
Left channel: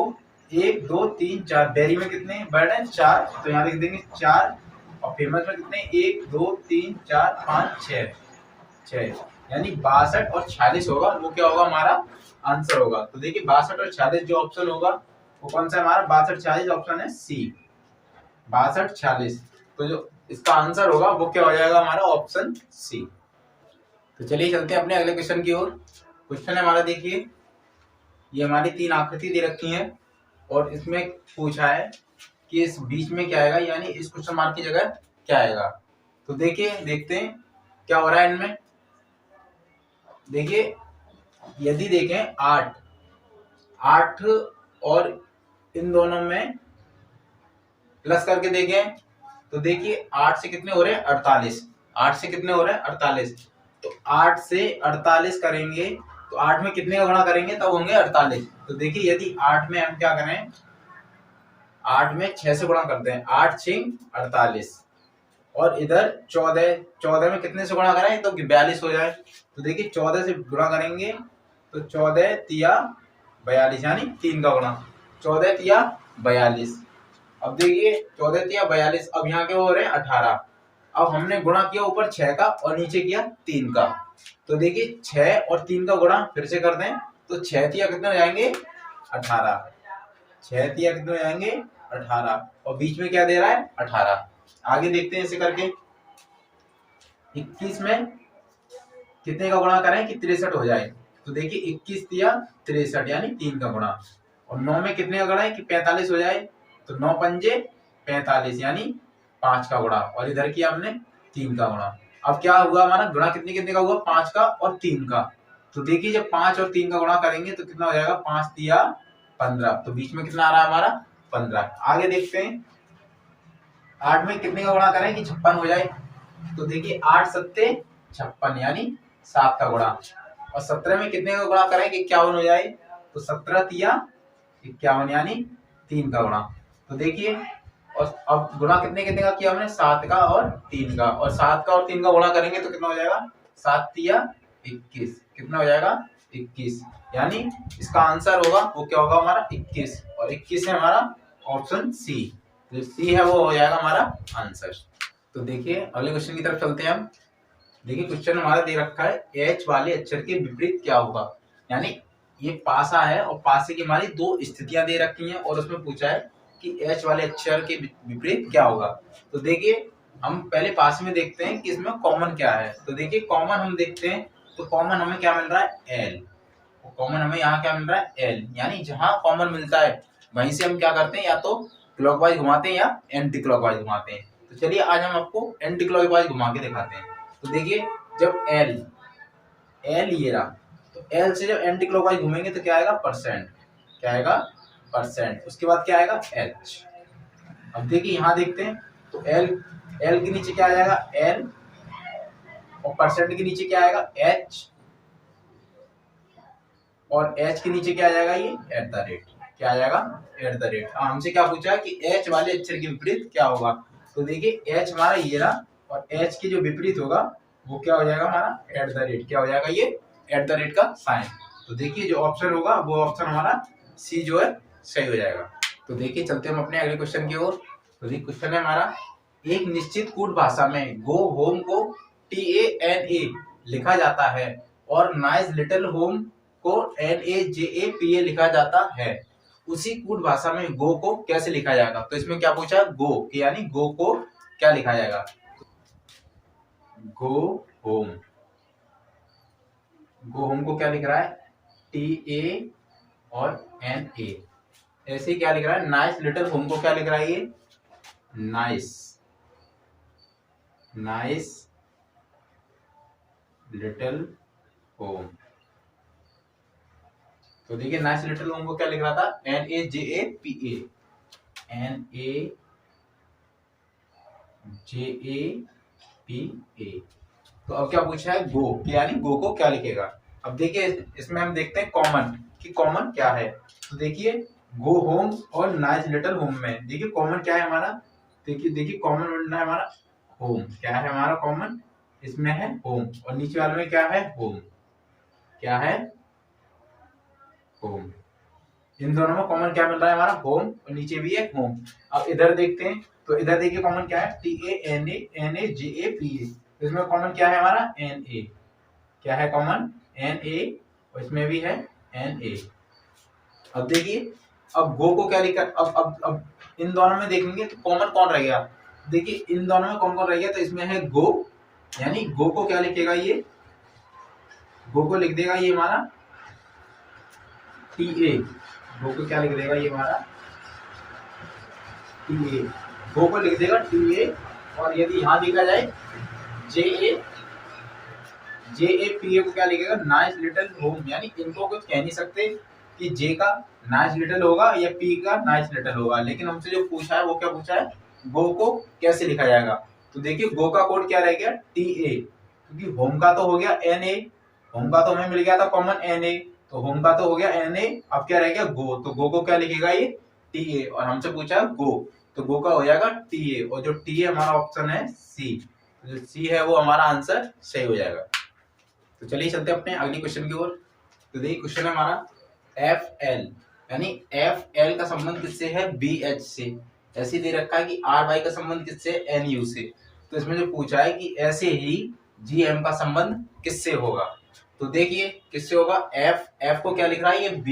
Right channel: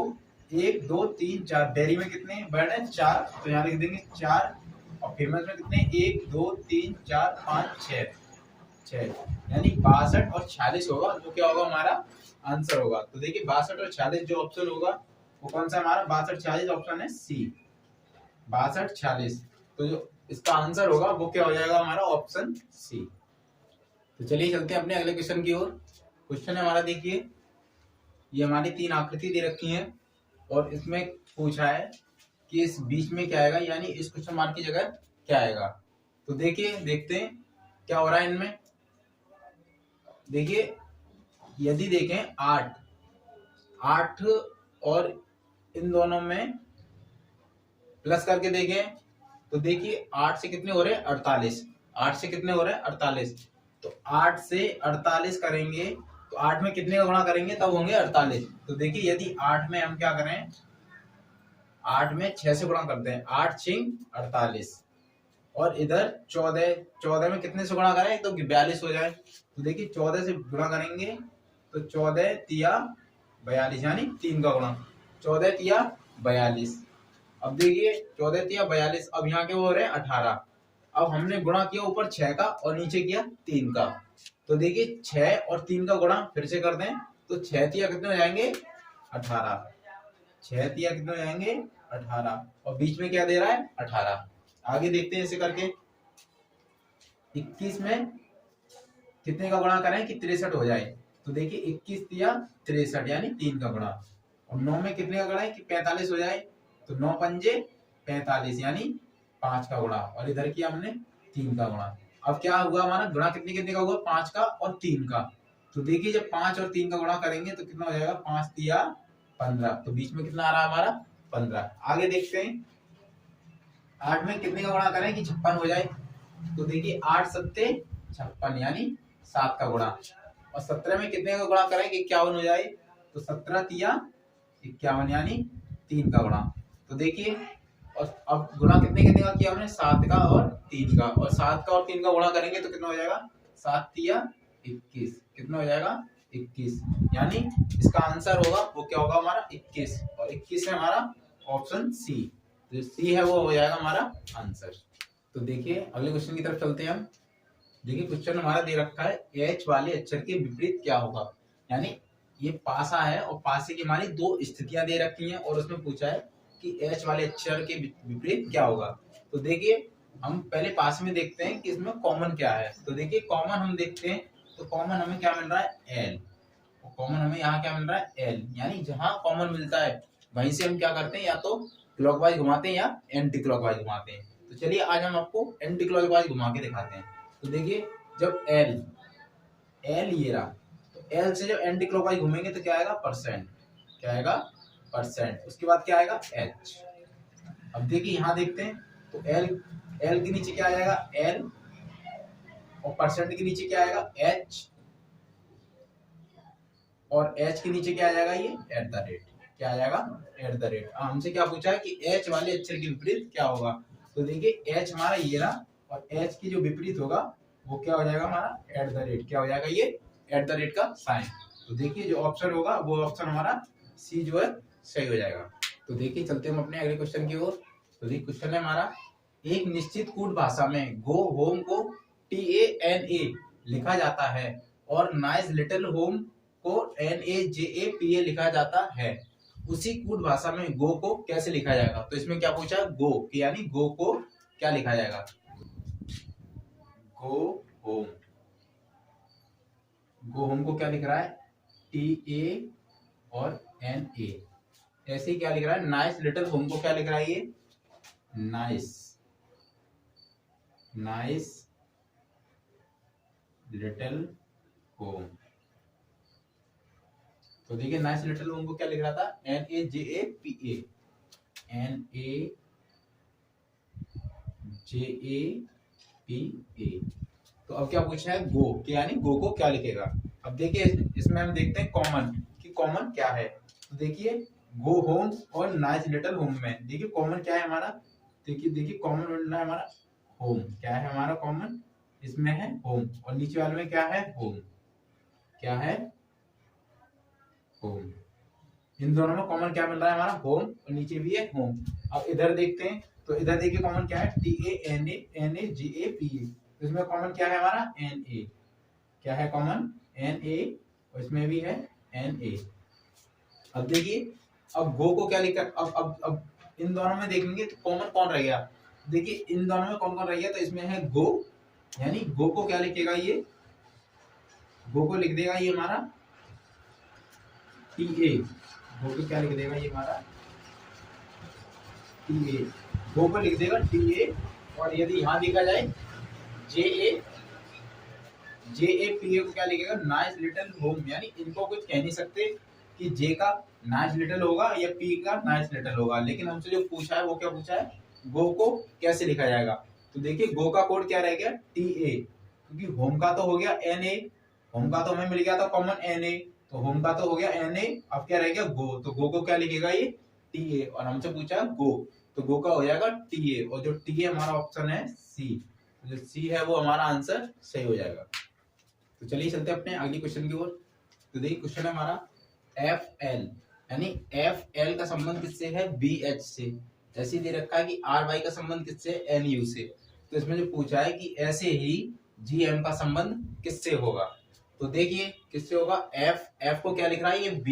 1 2 3 4, डेयरी में कितने वर्ड है 4, तो यहाँ लिख देंगे 4, और फेमस में कितने 1 2 3 4 5 6, यानी 62 और 46 होगा, वो क्या होगा हमारा आंसर होगा। तो देखिए 62 और 46 जो ऑप्शन होगा वो कौन सा हमारा 62 46 ऑप्शन है सी, 62 46। तो जो इसका आंसर होगा वो क्या हो जाएगा हमारा ऑप्शन सी। तो चलिए चलते हैं अपने अगले क्वेश्चन की ओर। क्वेश्चन है हमारा, देखिए ये हमारी 3 आकृति दे रखी हैं और इसमें पूछा है कि इस बीच में क्या आएगा, यानी इस क्वेश्चन मार्क की जगह क्या आएगा। तो देखिए देखते हैं क्या हो रहा है इनमें। देखिए यदि देखें 8 और इन दोनों में प्लस करके देखें, तो देखिए 8 से कितने हो रहे हैं 48, 8 से कितने हो रहे हैं 48, तो 8 से 48 करेंगे तो 8 में कितने का गुणा करेंगे तब होंगे 48। तो देखिए यदि 8 में हम क्या करें, 8 में 6 से गुणा करते हैं, 8 6 48, और इधर 14 में कितने से गुणा करें तो 42 हो जाए। तो देखिए 14 से गुणा करेंगे तो 14 तिया 42, यानी 3 का गुणा, 14 तिया 42। अब देखिए 14 तिया 42, अब यहाँ के हो रहे हैं 18। अब हमने गुणा किया ऊपर 6 का और नीचे किया 3 का, तो देखिए 6 और 3 का गुणा फिर से कर दें तो 6 तिया कितने हो जाएंगे 18, 6 तिया कितने हो जाएंगे 18, और बीच में क्या दे रहा है 18। आगे देखते हैं ऐसे करके, 21 में कितने का गुणा करें कि 63 हो जाए, तो देखिए 21 तिया 63, यानी 3 का गुणा, और 9 में कितने का गुणा है कि 45 हो जाए, तो 9 पंजे 45, यानी 5 का गुणा, और इधर किया हमने 3 का गुणा। अब क्या हुआ हमारा गुणा कितने कितने का हुआ 5 का और 3 का, तो देखिए जब 5 और 3 का गुणा करेंगे तो कितना हो जाएगा 5 तिया 15, तो बीच में कितना आ रहा है हमारा 15। आगे देखते हैं 8 में कितने का गुणा करें कि 56 हो जाए। तो देखिए 8 सत्ते 56 यानी 7 का गुणा। और 17 में कितने का गुणा करें कि 51 हो जाए। तो 17 तिया 51 यानी 3 का गुणा। तो देखिए और अब गुणा कितने कितने का किया हमने, 7 का और 3 का। और 7 का और 3 का गुणा करेंगे तो कितना हो जाएगा, 7 तिया 21। कितना हो जाएगा 21। यानी इसका आंसर होगा वो क्या होगा हमारा 21। और 21 है हमारा ऑप्शन सी। जो सी है वो हो जाएगा हमारा आंसर। तो देखिए अगले क्वेश्चन की तरफ चलते हैं हम। देखिए क्वेश्चन हमारा दे रखा है एच वाले अक्षर के विपरीत क्या होगा। यानी ये पासा है और पासे की हमारी दो स्थितियां दे रखी हैं और उसमें पूछा है कि एच वाले अक्षर के विपरीत क्या होगा। तो देखिए हम पहले पास में देखते हैं कि इसमें कॉमन क्या है। तो देखिए कॉमन हम देखते हैं तो कॉमन हमें क्या मिल रहा है एल। कॉमन हमें यहाँ क्या मिल रहा है एल। यानी जहां कॉमन मिलता है वहीं से हम क्या करते हैं, या तो क्लॉकवाइज घुमाते हैं या एंटी क्लॉकवाइज घुमाते हैं। तो चलिए आज हम आपको एंटी क्लॉकवाइज घुमा के दिखाते हैं। तो देखिए जब एल ये रहा तो एल से जब एंटी क्लॉकवाइज घूमेंगे तो क्या आएगा परसेंट। क्या आएगा परसेंट। उसके बाद क्या आएगा एच। अब देखिए यहाँ देखते हैं तो एल के नीचे क्या आ जाएगा एल और परसेंट के नीचे क्या आएगा एच और एच के नीचे क्या आ जाएगा ये एट द रेट। क्या आ जाएगा एट द रेट। हमसे क्या पूछा है कि एच वाले अक्षर के विपरीत क्या होगा। तो देखिए एच हमारा ये रहा और एच के जो विपरीत होगा वो क्या हो जाएगा हमारा एट द रेट। क्या हो जाएगा ये एट द रेट का साइन। तो देखिए जो ऑप्शन होगा वो ऑप्शन हमारा सी जो है सही हो जाएगा। तो देखिए चलते हम अपने अगले क्वेश्चन की ओर। तो देखिए क्वेश्चन है हमारा एक निश्चित कूट भाषा में गो होम को TANA लिखा जाता है और नाइस लिटिल होम को NAJAPA लिखा जाता है। उसी कूट भाषा में गो को कैसे लिखा जाएगा। तो इसमें क्या पूछा गो कि यानी गो को क्या लिखा जाएगा। गो होम को क्या लिख रहा है TA और NA। ऐसे क्या लिख रहा है नाइस लिटिल होम को क्या लिख रहा है ये नाइस लिटिल होम। तो देखिए नाइस लिटिल होम को क्या लिख रहा था NAJAPA तो अब क्या पूछा है गो कि यानी गो को क्या लिखेगा। अब देखिए इसमें हम देखते हैं कॉमन कि कॉमन क्या है। तो देखिए गो होम और नाइस लिटिल होम में देखिए कॉमन क्या है हमारा। देखिए कॉमन मिलना है हमारा होम। क्या है हमारा कॉमन इसमें है होम और नीचे वाले में क्या है होम। क्या है होम। इन दोनों में कॉमन क्या मिल रहा है हमारा होम और नीचे भी है होम। अब इधर देखते हैं तो इधर देखिए कॉमन क्या है TANAJAPA। इसमें कॉमन क्या है हमारा NA। क्या है कॉमन NA और इसमें भी है NA। अब देखिए अब गो को क्या लिखा। अब इन दोनों में देखेंगे तो कॉमन कौन रह गया। देखिए इन दोनों में कौन कौन रह गया। तो इसमें है गो यानी गो को क्या लिखेगा ये गो को लिख देगा ये हमारा TA। गो को क्या लिख देगा ये हमारा TA। गो को लिख देगा TA। और यदि यहाँ देखा जाए JAPA को क्या लिखेगा नाइस लिटिल होम। यानी इनको कुछ कह नहीं सकते कि J का नाइस लिटिल होगा या P का नाइस लिटिल होगा। लेकिन हमसे जो पूछा है वो क्या पूछा है गो को कैसे लिखा जाएगा। तो देखिए गो का कोड क्या रह गया TA क्योंकि होम का तो हो गया NA। होम का तो हमें मिल गया था कॉमन NA तो होम का तो हो गया NA। अब क्या रह गया गो। तो गो को क्या लिखेगा ये TA और हमसे पूछा है गो तो गो का हो जाएगा TA और जो TA हमारा ऑप्शन है C। जो C है वो हमारा आंसर सही हो जाएगा। तो चलिए चलते हैं अपने अगले क्वेश्चन की ओर। तो देखिए क्वेश्चन है हमारा FL यानी FL का संबंध किससे है BH से। ऐसे दे रखा है कि RY का संबंध किससे NU से। तो इसमें जो पूछा है कि ऐसे ही GM का संबंध किससे होगा। तो देखिए किससे होगा F को क्या लिख रहा है ये B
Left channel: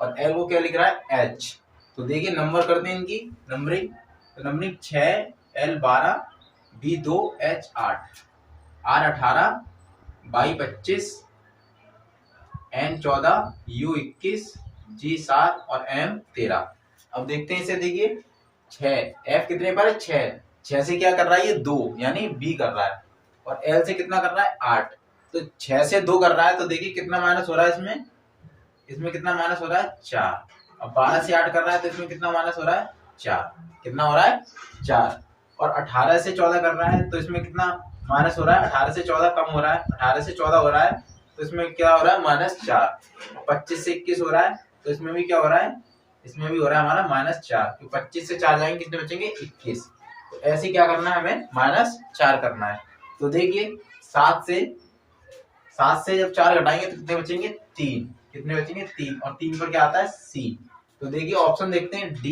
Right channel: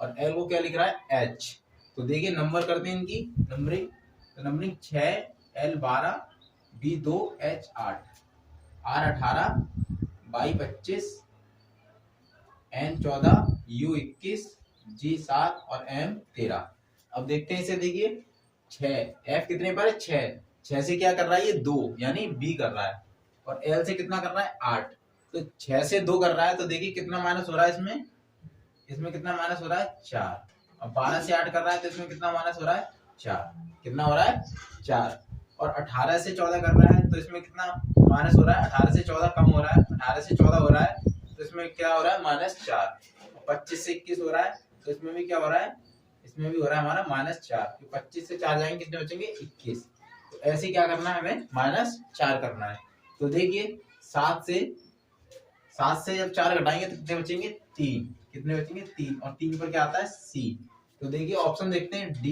और L को क्या लिख रहा है H। तो देखिए नंबर करते हैं इनकी नंबरिंग। तो numbering 6 L 12 B 2 H 8 R 18 Y 25 N 14 U 21 G 7 और M 13। अब देखते हैं इसे देखिए 6 F कितने पर है 6 से क्या कर रहा है ये 2 यानी B कर रहा है और L से कितना कर रहा है 8। तो 6 से 2 कर रहा है तो देखिए कितना माइनस हो रहा है इसमें कितना माइनस हो रहा है 4। अब 12 से 8 कर रहा है तो इसमें कितना माइनस हो रहा है 4, कितना हो रहा है 4। और 18 से 14 कर रहा है तो इसमें कितना माइनस हो रहा है, 18 से 14 कम हो रहा है, 18 से 14 हो रहा है तो इसमें क्या हो रहा है -4। 25 से 21 हो रहा है तो इसमें भी क्या हो रहा है, इसमें भी हो रहा है हमारा -4। तो 25 से 4 जाएंगे कितने बचेंगे 21। तो ऐसे क्या करना है हमें -4 करना है। तो देखिए 7 से जब 4 घटाएंगे तो कितने बचेंगे 3, कितने बचेंगे 3, और 3 पर क्या आता है C। तो देखिए ऑप्शन देखते हैं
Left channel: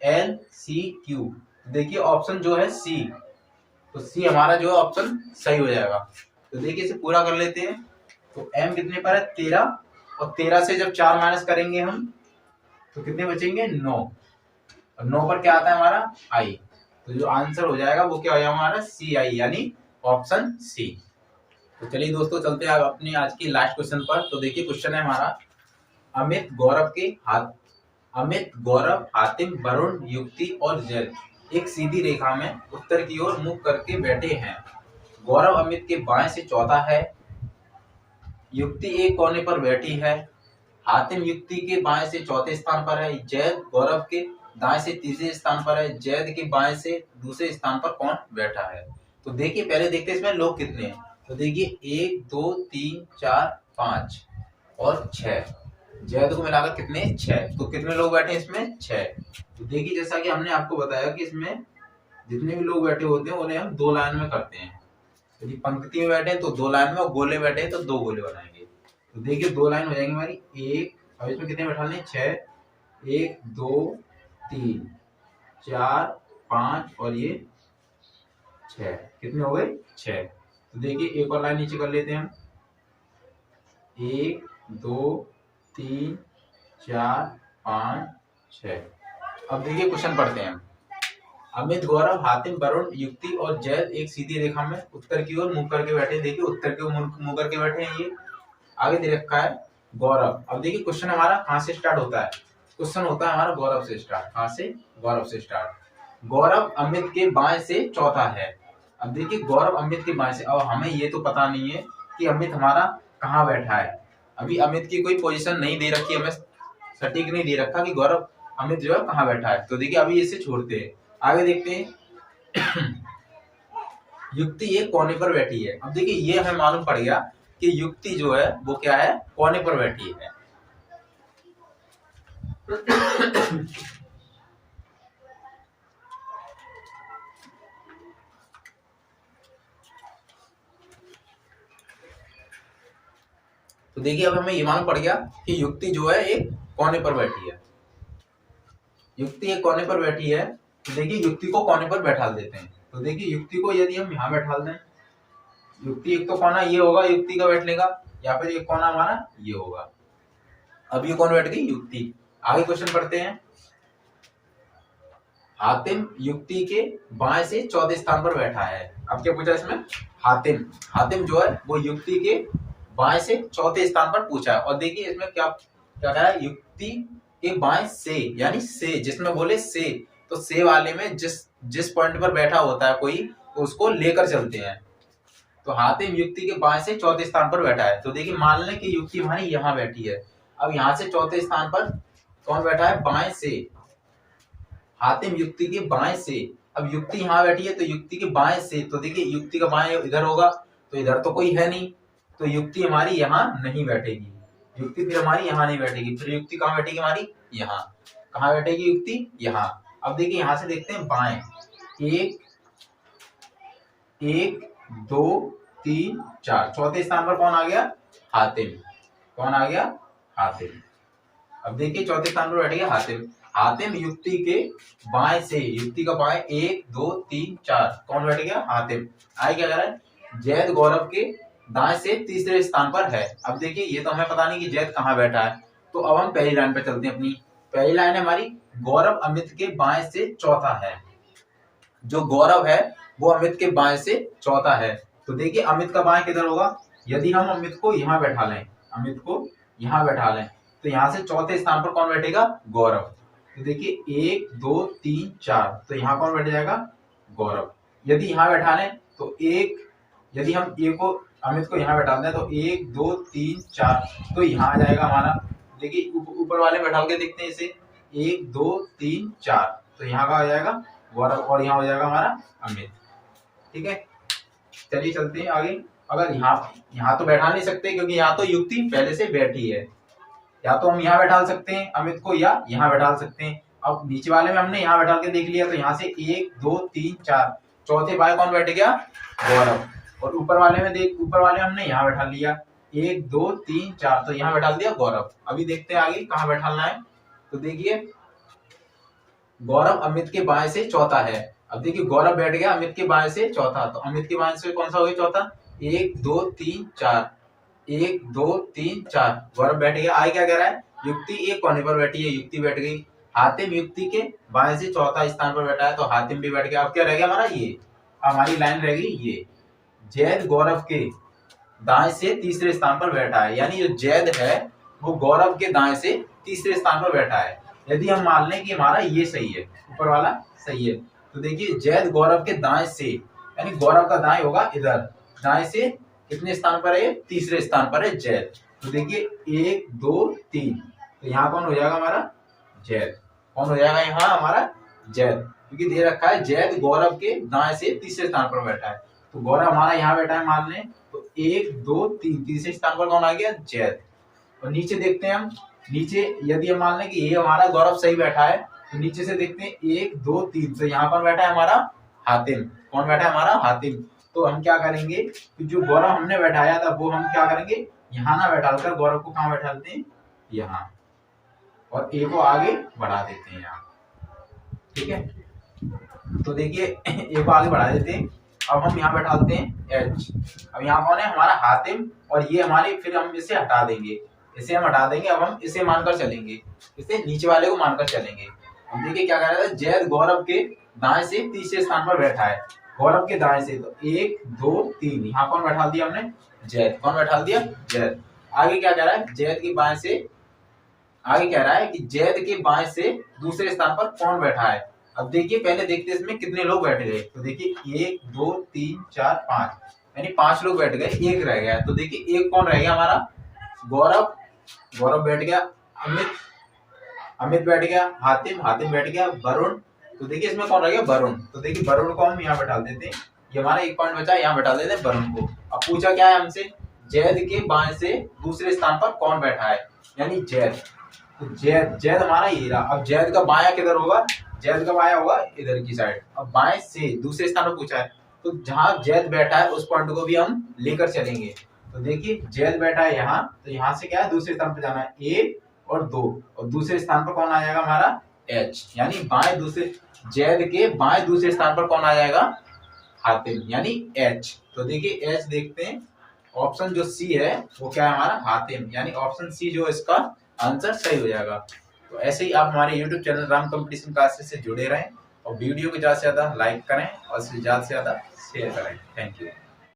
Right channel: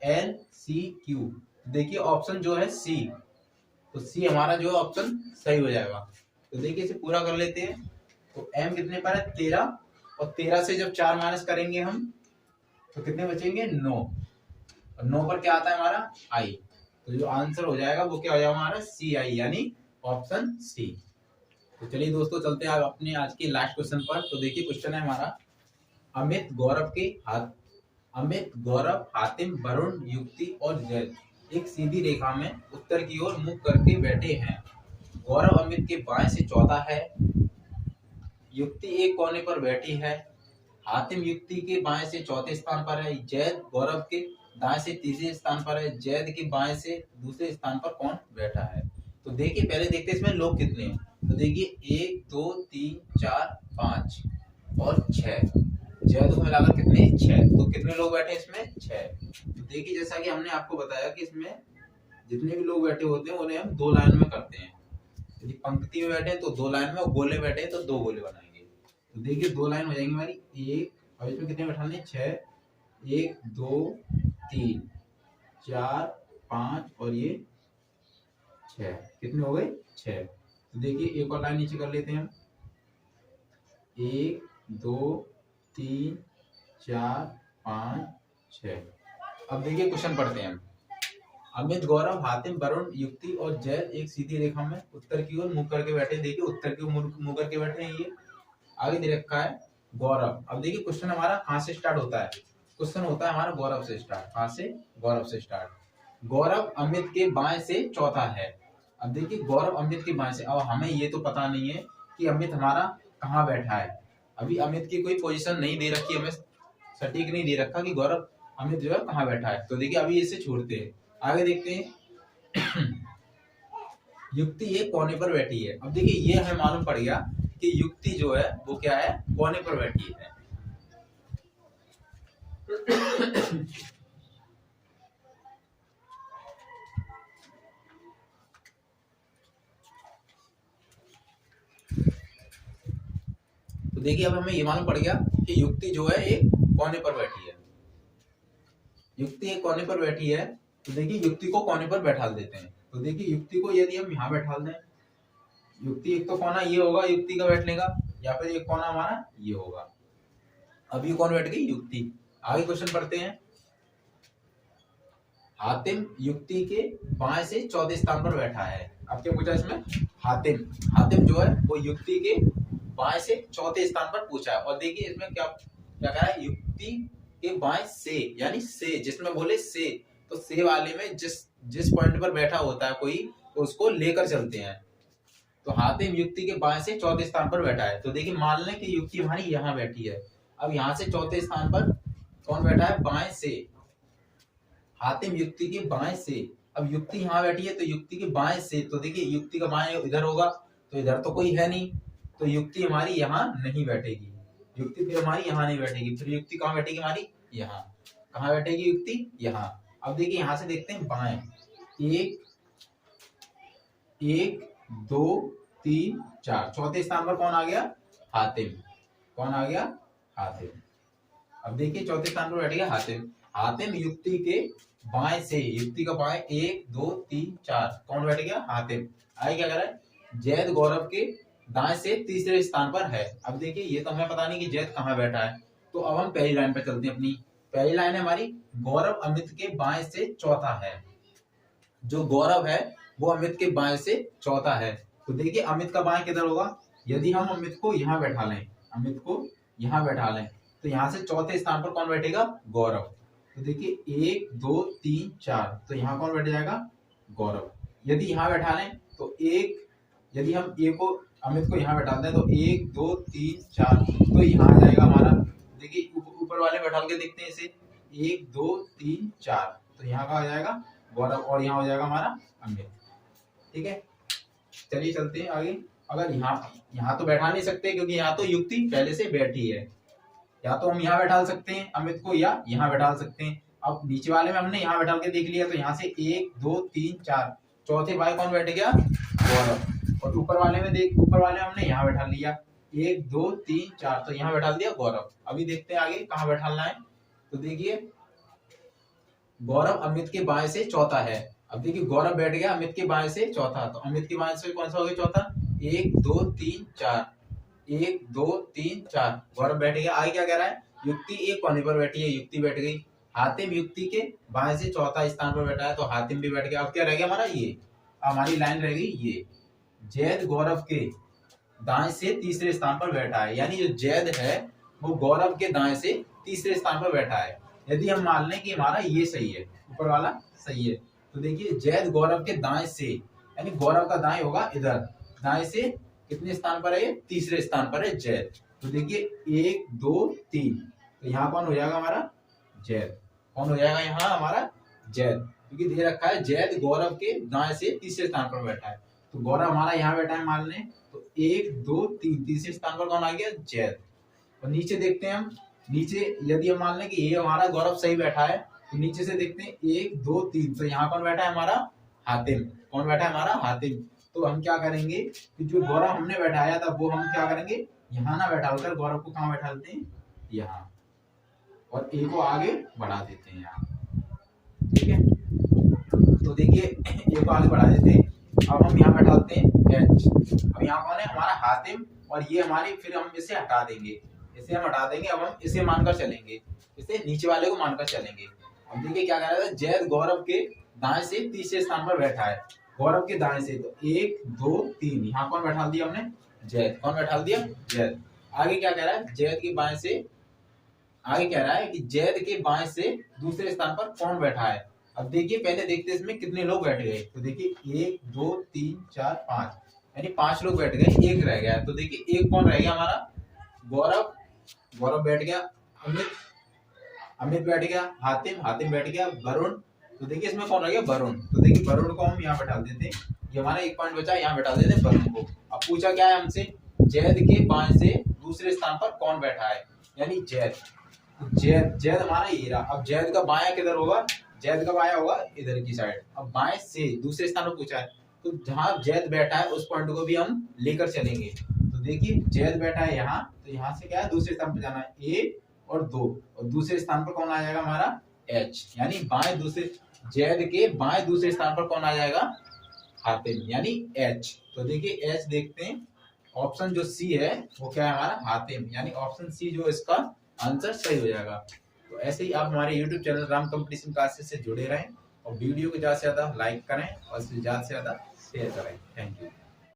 DLCQ। देखिए ऑप्शन जो है C, तो C हमारा जो है ऑप्शन सही हो जाएगा। तो देखिए इसे पूरा कर लेते हैं। तो M कितने पर है 13, और 13 से जब 4 माइनस करेंगे हम तो कितने बचेंगे 9, और 9 पर क्या आता है हमारा I। तो जो आंसर हो जाएगा वो क्या हो जाएगा हमारा CI, यानी ऑप्शन C। तो चलिए दोस्तों चलते हैं अपने आज के लास्ट क्वेश्चन पर। तो देखिए क्वेश्चन है हमारा, अमित गौरव हातिम वरुण युक्ति और जैद एक सीधी रेखा में उत्तर की ओर मुख करके बैठे हैं। गौरव अमित के बाएं से चौथा है, युक्ति एक कोने पर बैठी है, हातिम युक्ति के बाएं से चौथे स्थान पर है, जैद गौरव के दाएं से तीसरे स्थान पर है, जैद के बाएं से दूसरे स्थान पर कौन बैठा है। तो देखिए पहले देखते हैं इसमें लोग कितने हैं। तो देखिए 1 2 3 4 5 और 6, जैद को मिलाकर कितने 6। तो कितने लोग बैठे हैं इसमें 6। तो देखिए जैसा कि हमने आपको बताया कि इसमें जितने भी लोग बैठे होते हैं उन्हें हम 2 लाइन में करते हैं। यदि पंक्ति में बैठे तो 2 लाइन में, और गोले बैठे तो 2 गोले बनाएंगे। तो देखिए 2 लाइन हो जाएंगी हमारी, 1, और इसमें कितने बैठाने 6, 1 2 3 4 5 और ये 6, कितने हो गए 6। तो देखिए एक और लाइन नीचे कर लेते हैं हम, 1 2 3 4 5 6। अब देखिए क्वेश्चन पढ़ते हैं। अमित गौरव हातिम वरुण युक्ति और जैद एक सीधी रेखा में उत्तर की ओर मुंह करके बैठे। देखिए उत्तर की ओर मुंह करके बैठे हैं। ये आगे दे रखा है गौरव। अब देखिए क्वेश्चन हमारा कहाँ से स्टार्ट होता है, क्वेश्चन होता है हमारा गौरव से स्टार्ट। कहाँ से, गौरव से स्टार्ट। गौरव अमित के बाएं से चौथा है। अब देखिए गौरव अमित के बाएं से, अब हमें ये तो पता नहीं है कि अमित हमारा कहाँ बैठा है। अभी अमित की कोई पोजीशन नहीं दे रखी, हमें सटीक नहीं दे रखा कि गौरव अमित जो है कहाँ बैठा है। तो देखिए अभी इसे छोड़ते हैं, आगे देखते हैं। युक्ति एक कोने पर बैठी है। अब देखिए ये हमें मालूम पड़ गया कि युक्ति जो है वो क्या है, कोने पर बैठी है। तो देखिए अब हमें ये मालूम पड़ गया कि युक्ति जो है एक कोने पर बैठी है। युक्ति एक कोने पर बैठी है, तो देखिए युक्ति को कोने पर बैठा देते हैं। तो देखिए युक्ति को यदि हम यहाँ बैठा दें, युक्ति एक तो कोना ये होगा युक्ति का बैठने का, या फिर एक कोना हमारा ये होगा। अब ये कौन बैठ गई, युक्ति। आगे क्वेश्चन पढ़ते हैं। हातिम युक्ति के बाएं से चौथे स्थान पर बैठा है। अब क्या पूछा इसमें, हातिम जो है वो युक्ति के बाएं से चौथे स्थान पर पूछा है। और देखिए इसमें क्या क्या कहा है, युक्ति के बाएं से, यानी से, जिसमें बोले से, तो से वाले में जिस पॉइंट पर बैठा होता है कोई, तो उसको लेकर चलते हैं। तो हातिम युक्ति के बाएं से चौथे स्थान पर बैठा है। तो देखिए मान लें कि युक्ति हमारी यहाँ बैठी है। अब यहाँ से चौथे स्थान पर कौन बैठा है, बाएं से, हातिम युक्ति के बाएं से। अब युक्ति यहाँ बैठी है तो युक्ति के बाएं से, तो देखिए युक्ति का बाएं इधर होगा, तो इधर तो कोई है नहीं, तो युक्ति हमारी यहाँ नहीं बैठेगी। युक्ति फिर हमारी यहाँ नहीं बैठेगी, फिर युक्ति कहाँ बैठेगी हमारी, यहाँ। कहाँ बैठेगी युक्ति, यहाँ। अब देखिए यहाँ से देखते हैं बाएं, 1 2 3 4, चौथे स्थान पर कौन आ गया, हातिम। कौन आ गया, हातिम। अब देखिए चौथे स्थान पर बैठ गया हातिम। हातिम युक्ति के बाएं से, युक्ति का बाएं 1 2 3 4, कौन बैठ गया, हातिम। आगे क्या कह रहा है, जैद गौरव के दाएं से तीसरे स्थान पर है। अब देखिए ये तो हमें पता नहीं कि जैद कहाँ बैठा है, तो अब हम पहली लाइन पे चलते हैं। अपनी पहली लाइन है हमारी, गौरव अमित के बाएं से चौथा है। जो गौरव है वो अमित के बाएं से चौथा है। तो देखिए अमित का बाएं किधर होगा, यदि हम अमित को यहाँ बैठा लें, अमित को यहाँ बैठा लें, तो यहाँ से चौथे स्थान पर कौन बैठेगा, गौरव। तो देखिए 1 2 3 4, तो यहाँ कौन बैठ जाएगा, गौरव। यदि यहाँ बैठा लें तो यदि हम ए को, अमित को यहाँ बैठा दें तो 1 2 3 4, तो यहाँ आ जाएगा हमारा देखिए ऊपर वाले में बैठा के देखते हैं इसे, 1 2 3 4, तो यहाँ का हो जाएगा गौरव और यहाँ हो जाएगा हमारा अमित। ठीक है, चलिए चलते हैं आगे। अगर यहाँ तो बैठा नहीं सकते क्योंकि यहाँ तो युक्ति पहले से बैठी है, या तो हम यहाँ बैठा सकते हैं अमित को या यहाँ बैठा सकते हैं। अब नीचे वाले में हमने यहाँ बैठा के देख लिया, तो यहाँ से 1 2 3 4, चौथे बाय कौन बैठ गया, गौरव। और ऊपर वाले में देख, ऊपर वाले में हमने यहाँ बैठा लिया 1 2 3 4, तो यहाँ बैठा दिया गौरव। अभी देखते हैं आगे कहाँ बैठाना है। तो देखिए गौरव अमित के बाएं से चौथा है। अब देखिए गौरव बैठ गया अमित के बाएं से चौथा, तो अमित के बाएं से कौन सा हो गया चौथा, 1 2 3 4, 1 2 3 4, गौरव बैठ गया। आगे क्या कह रहा है, युक्ति एक कोने पर बैठी है, युक्ति बैठ गई। हातिम युक्ति के बाएं से चौथा स्थान पर बैठा है, तो हातिम भी बैठ गया। अब क्या रह गया हमारा, ये हमारी लाइन रह गई ये, जैद गौरव के दाएं से तीसरे स्थान पर बैठा है, यानी जो जैद है वो गौरव के दाएं से तीसरे स्थान पर बैठा है। यदि हम मान लें कि हमारा ये सही है, ऊपर वाला सही है, तो देखिए जैद गौरव के दाएं से, यानी गौरव का दाएं होगा इधर, दाएं से कितने स्थान पर है, तीसरे स्थान पर है जैद। तो देखिए 1 2 3, तो यहाँ कौन हो जाएगा हमारा, जैद। कौन हो जाएगा यहाँ हमारा, जैद, क्योंकि दे रखा है जैद गौरव के दाएं से तीसरे स्थान पर बैठा है। तो गौरव हमारा यहाँ बैठा है मान लें, तो 1 2 3, तीसरे स्थान पर कौन आ गया, जैद। और नीचे देखते हैं हम, नीचे यदि हम मान लें कि ये हमारा गौरव सही बैठा है, तो नीचे से देखते हैं 1 2 3, तो यहाँ कौन बैठा है हमारा, हातिम। कौन बैठा है हमारा, हातिम। तो हम क्या करेंगे कि जो गौरव हमने बैठाया था वो हम क्या करेंगे, यहाँ ना बैठाकर गौरव को कहाँ बैठाते हैं, यहाँ, और ए को आगे बढ़ा देते हैं यहाँ। ठीक है, तो देखिए ए को आगे बढ़ा देते हैं। अब हम यहाँ बैठाते हैं एच। अब यहाँ कौन है हमारा, हातिम, और ये हमारे, फिर हम इसे हटा देंगे, इसे हम हटा देंगे। अब हम इसे मानकर चलेंगे, इसे नीचे वाले को मानकर चलेंगे। अब देखिए क्या कह रहा था, जैद गौरव के दाएं से तीसरे स्थान पर बैठा है, गौरव के दाएं से, तो 1 2 3, यहाँ कौन बैठा दिया हमने, जैद। कौन बैठा दिया, जैद। आगे क्या कह रहा है, जैद के बाएं से, आगे कह रहा है कि जैद के बाएं से दूसरे स्थान पर कौन बैठा है। अब देखिए पहले देखते हैं इसमें कितने लोग बैठ गए, तो देखिए 1 2 3 4 5, यानी 5 लोग बैठ गए, एक रह गया। तो देखिए एक कौन रह गया हमारा, गौरव, गौरव बैठ गया, अमित, अमित बैठ गया, हातिम, हातिम बैठ गया, वरुण। तो देखिए इसमें कौन रह गया, वरुण। तो देखिए वरुण को हम यहाँ बैठा देते हैं, ये हमारा एक पॉइंट बचा, यहाँ बैठा देते हैं वरुण को। अब पूछा क्या है हमसे, जैद के बाएं से दूसरे स्थान पर कौन बैठा है, यानी जैद। तो जैद, जैद हमारा ये रहा। अब जैद का बाया किधर होगा, जैद का बाया होगा इधर की साइड। अब बाएं से दूसरे स्थान पर पूछा है, तो जहां जैद बैठा है उस पॉइंट को भी हम लेकर चलेंगे। तो देखिए जैद बैठा है यहाँ, तो यहाँ से क्या है, दूसरे स्थान पर जाना है, 1 और 2, और दूसरे स्थान पर कौन आ जाएगा हमारा, एच, यानी बाएं दूसरे, जैद के बाएं दूसरे स्थान पर कौन आ जाएगा, हातिम, यानी एच। तो देखिए एच देखते हैं, ऑप्शन जो सी है वो क्या है हमारा, हातिम, यानी ऑप्शन सी जो इसका आंसर सही हो जाएगा। तो ऐसे ही आप हमारे YouTube channel Ram competition classes से जुड़े रहें, और वीडियो को ज़्यादा से ज़्यादा लाइक करें और इसे ज़्यादा से ज़्यादा शेयर करें। Thank you.